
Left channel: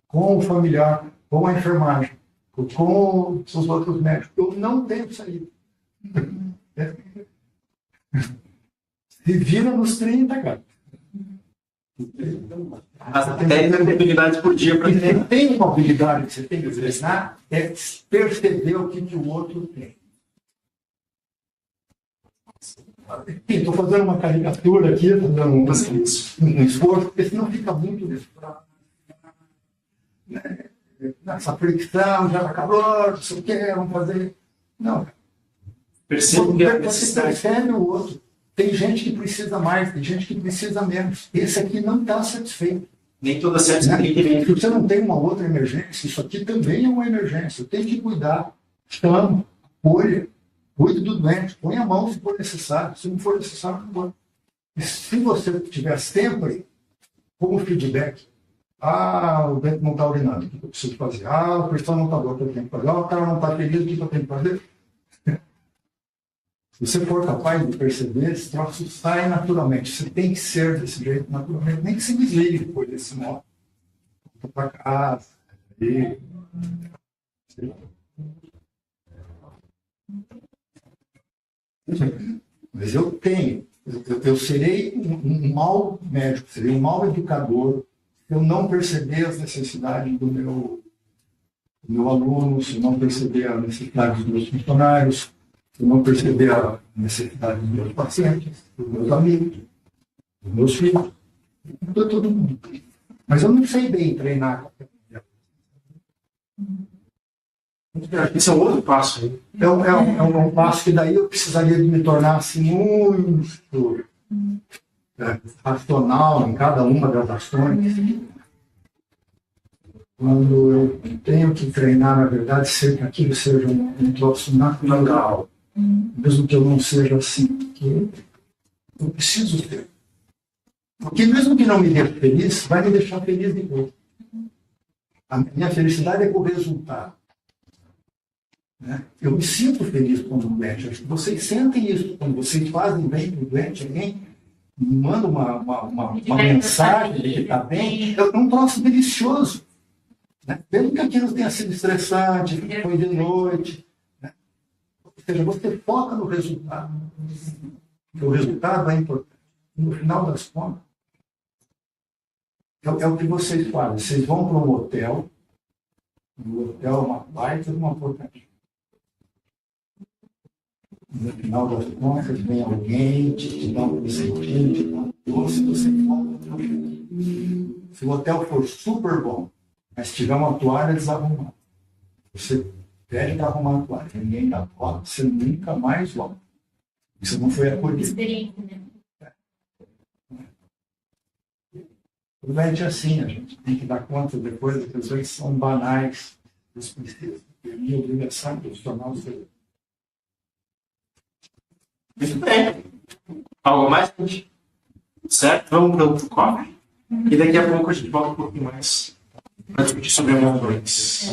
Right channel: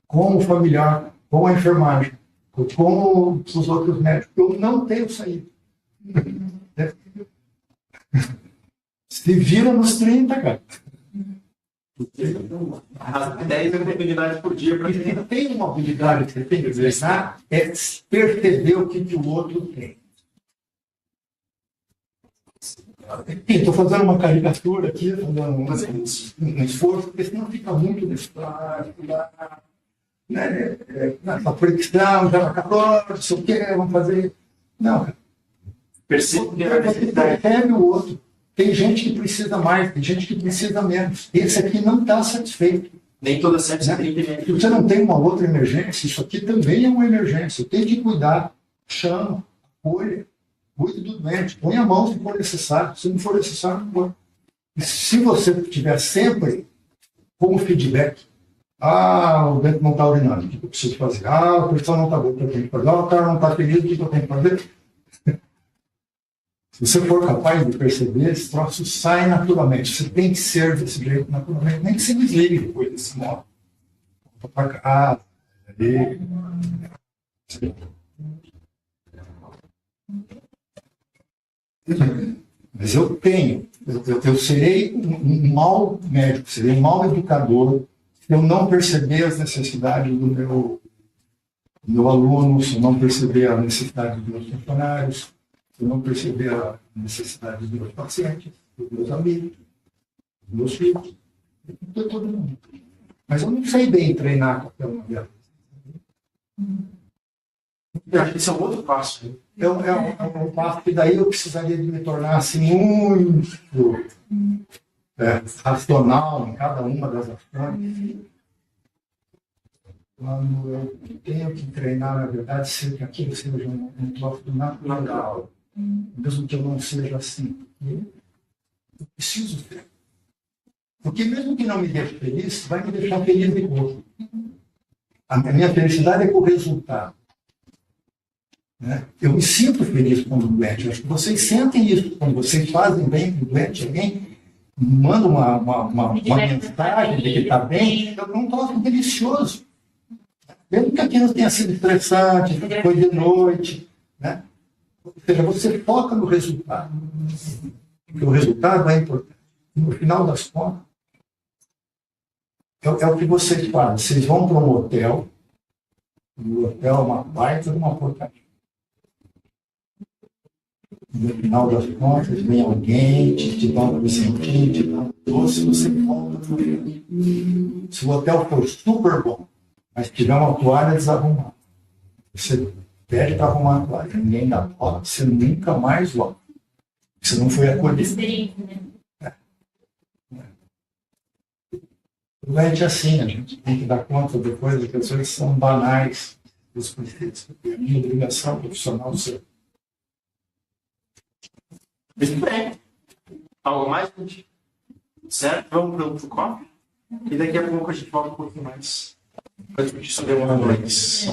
com o familiar, com a enfermagem, com os outros médicos. Eu não tenho saída. Se vira nos 30, cara. As 10 habilidades por dia para você tem uma habilidade que você tem que treinar, é perceber o que o outro tem. Estou fazendo uma caricatura aqui, fazendo um esforço, porque senão fica muito né? Essa fricção, já calor, não sei o que, vamos fazer. Não, cara. Percebo que é a necessidade. Você percebe o outro. Tem gente que precisa mais, tem gente que precisa menos. Esse aqui não está satisfeito. Nem toda certa né? Se você não tem uma outra emergência, isso aqui também é uma emergência. Eu tenho que cuidar, chamo, apoio, cuide do doente, põe a mão se for necessário. Se não for necessário, não põe. E se você tiver sempre como feedback, o dente não está urinando, o que eu preciso fazer? A pressão não está boa, o que eu tenho que fazer? O cara não está feliz, o que eu tenho que fazer? Se você for capaz de perceber, esse troço sai naturalmente. Você tem que ser desse jeito naturalmente. Nem que se desligue depois desse modo. Volta para casa. Mas eu serei um mau médico, serei um mau educador se eu não perceber as necessidades do meu aluno, se eu não perceber as necessidades dos meus funcionários, se eu não perceber a necessidade dos meus pacientes, dos meus amigos, dos meus filhos, de todo mundo. Mas eu não sei bem treinar qualquer uma delas. Esse é um outro passo. É um passo que daí eu precisaria de me tornar assim, muito racional em cada uma das ações. Quando eu tenho que treinar, na verdade, ser que aquilo seja um troço natural. Mesmo que eu não seja assim, porque eu preciso ter. Porque mesmo que não me deixe feliz, vai me deixar feliz de novo. A minha felicidade é com o resultado. Né? Eu me sinto feliz quando doente. Acho que vocês sentem isso. Quando vocês fazem bem com o doente, alguém manda uma mensagem de que está bem, é um troço delicioso. Né? Mesmo que aquilo tenha sido estressante, foi de noite, né? Ou seja, você foca no resultado. Porque o resultado é importante. No final das contas, é o que vocês fazem. Vocês vão para um hotel, e o hotel é uma baita de uma porcaria. No final das contas, vem alguém, te dá um presentinho, te dá um doce, você volta para o hotel. Se o hotel for super bom, mas tiver uma toalha desarrumada, você pede para arrumar a toalha, ninguém dá toalha, você nunca mais volta. Você não foi acolhido. Experiência, né? Tudo é assim, a gente tem que dar conta de coisas que às vezes são banais, dos preceitos, porque a minha obrigação profissional ser. Muito bem. Algo mais, gente? Certo? Vamos para o cofre. E daqui a pouco a gente volta um pouquinho mais para discutir sobre algumas coisas.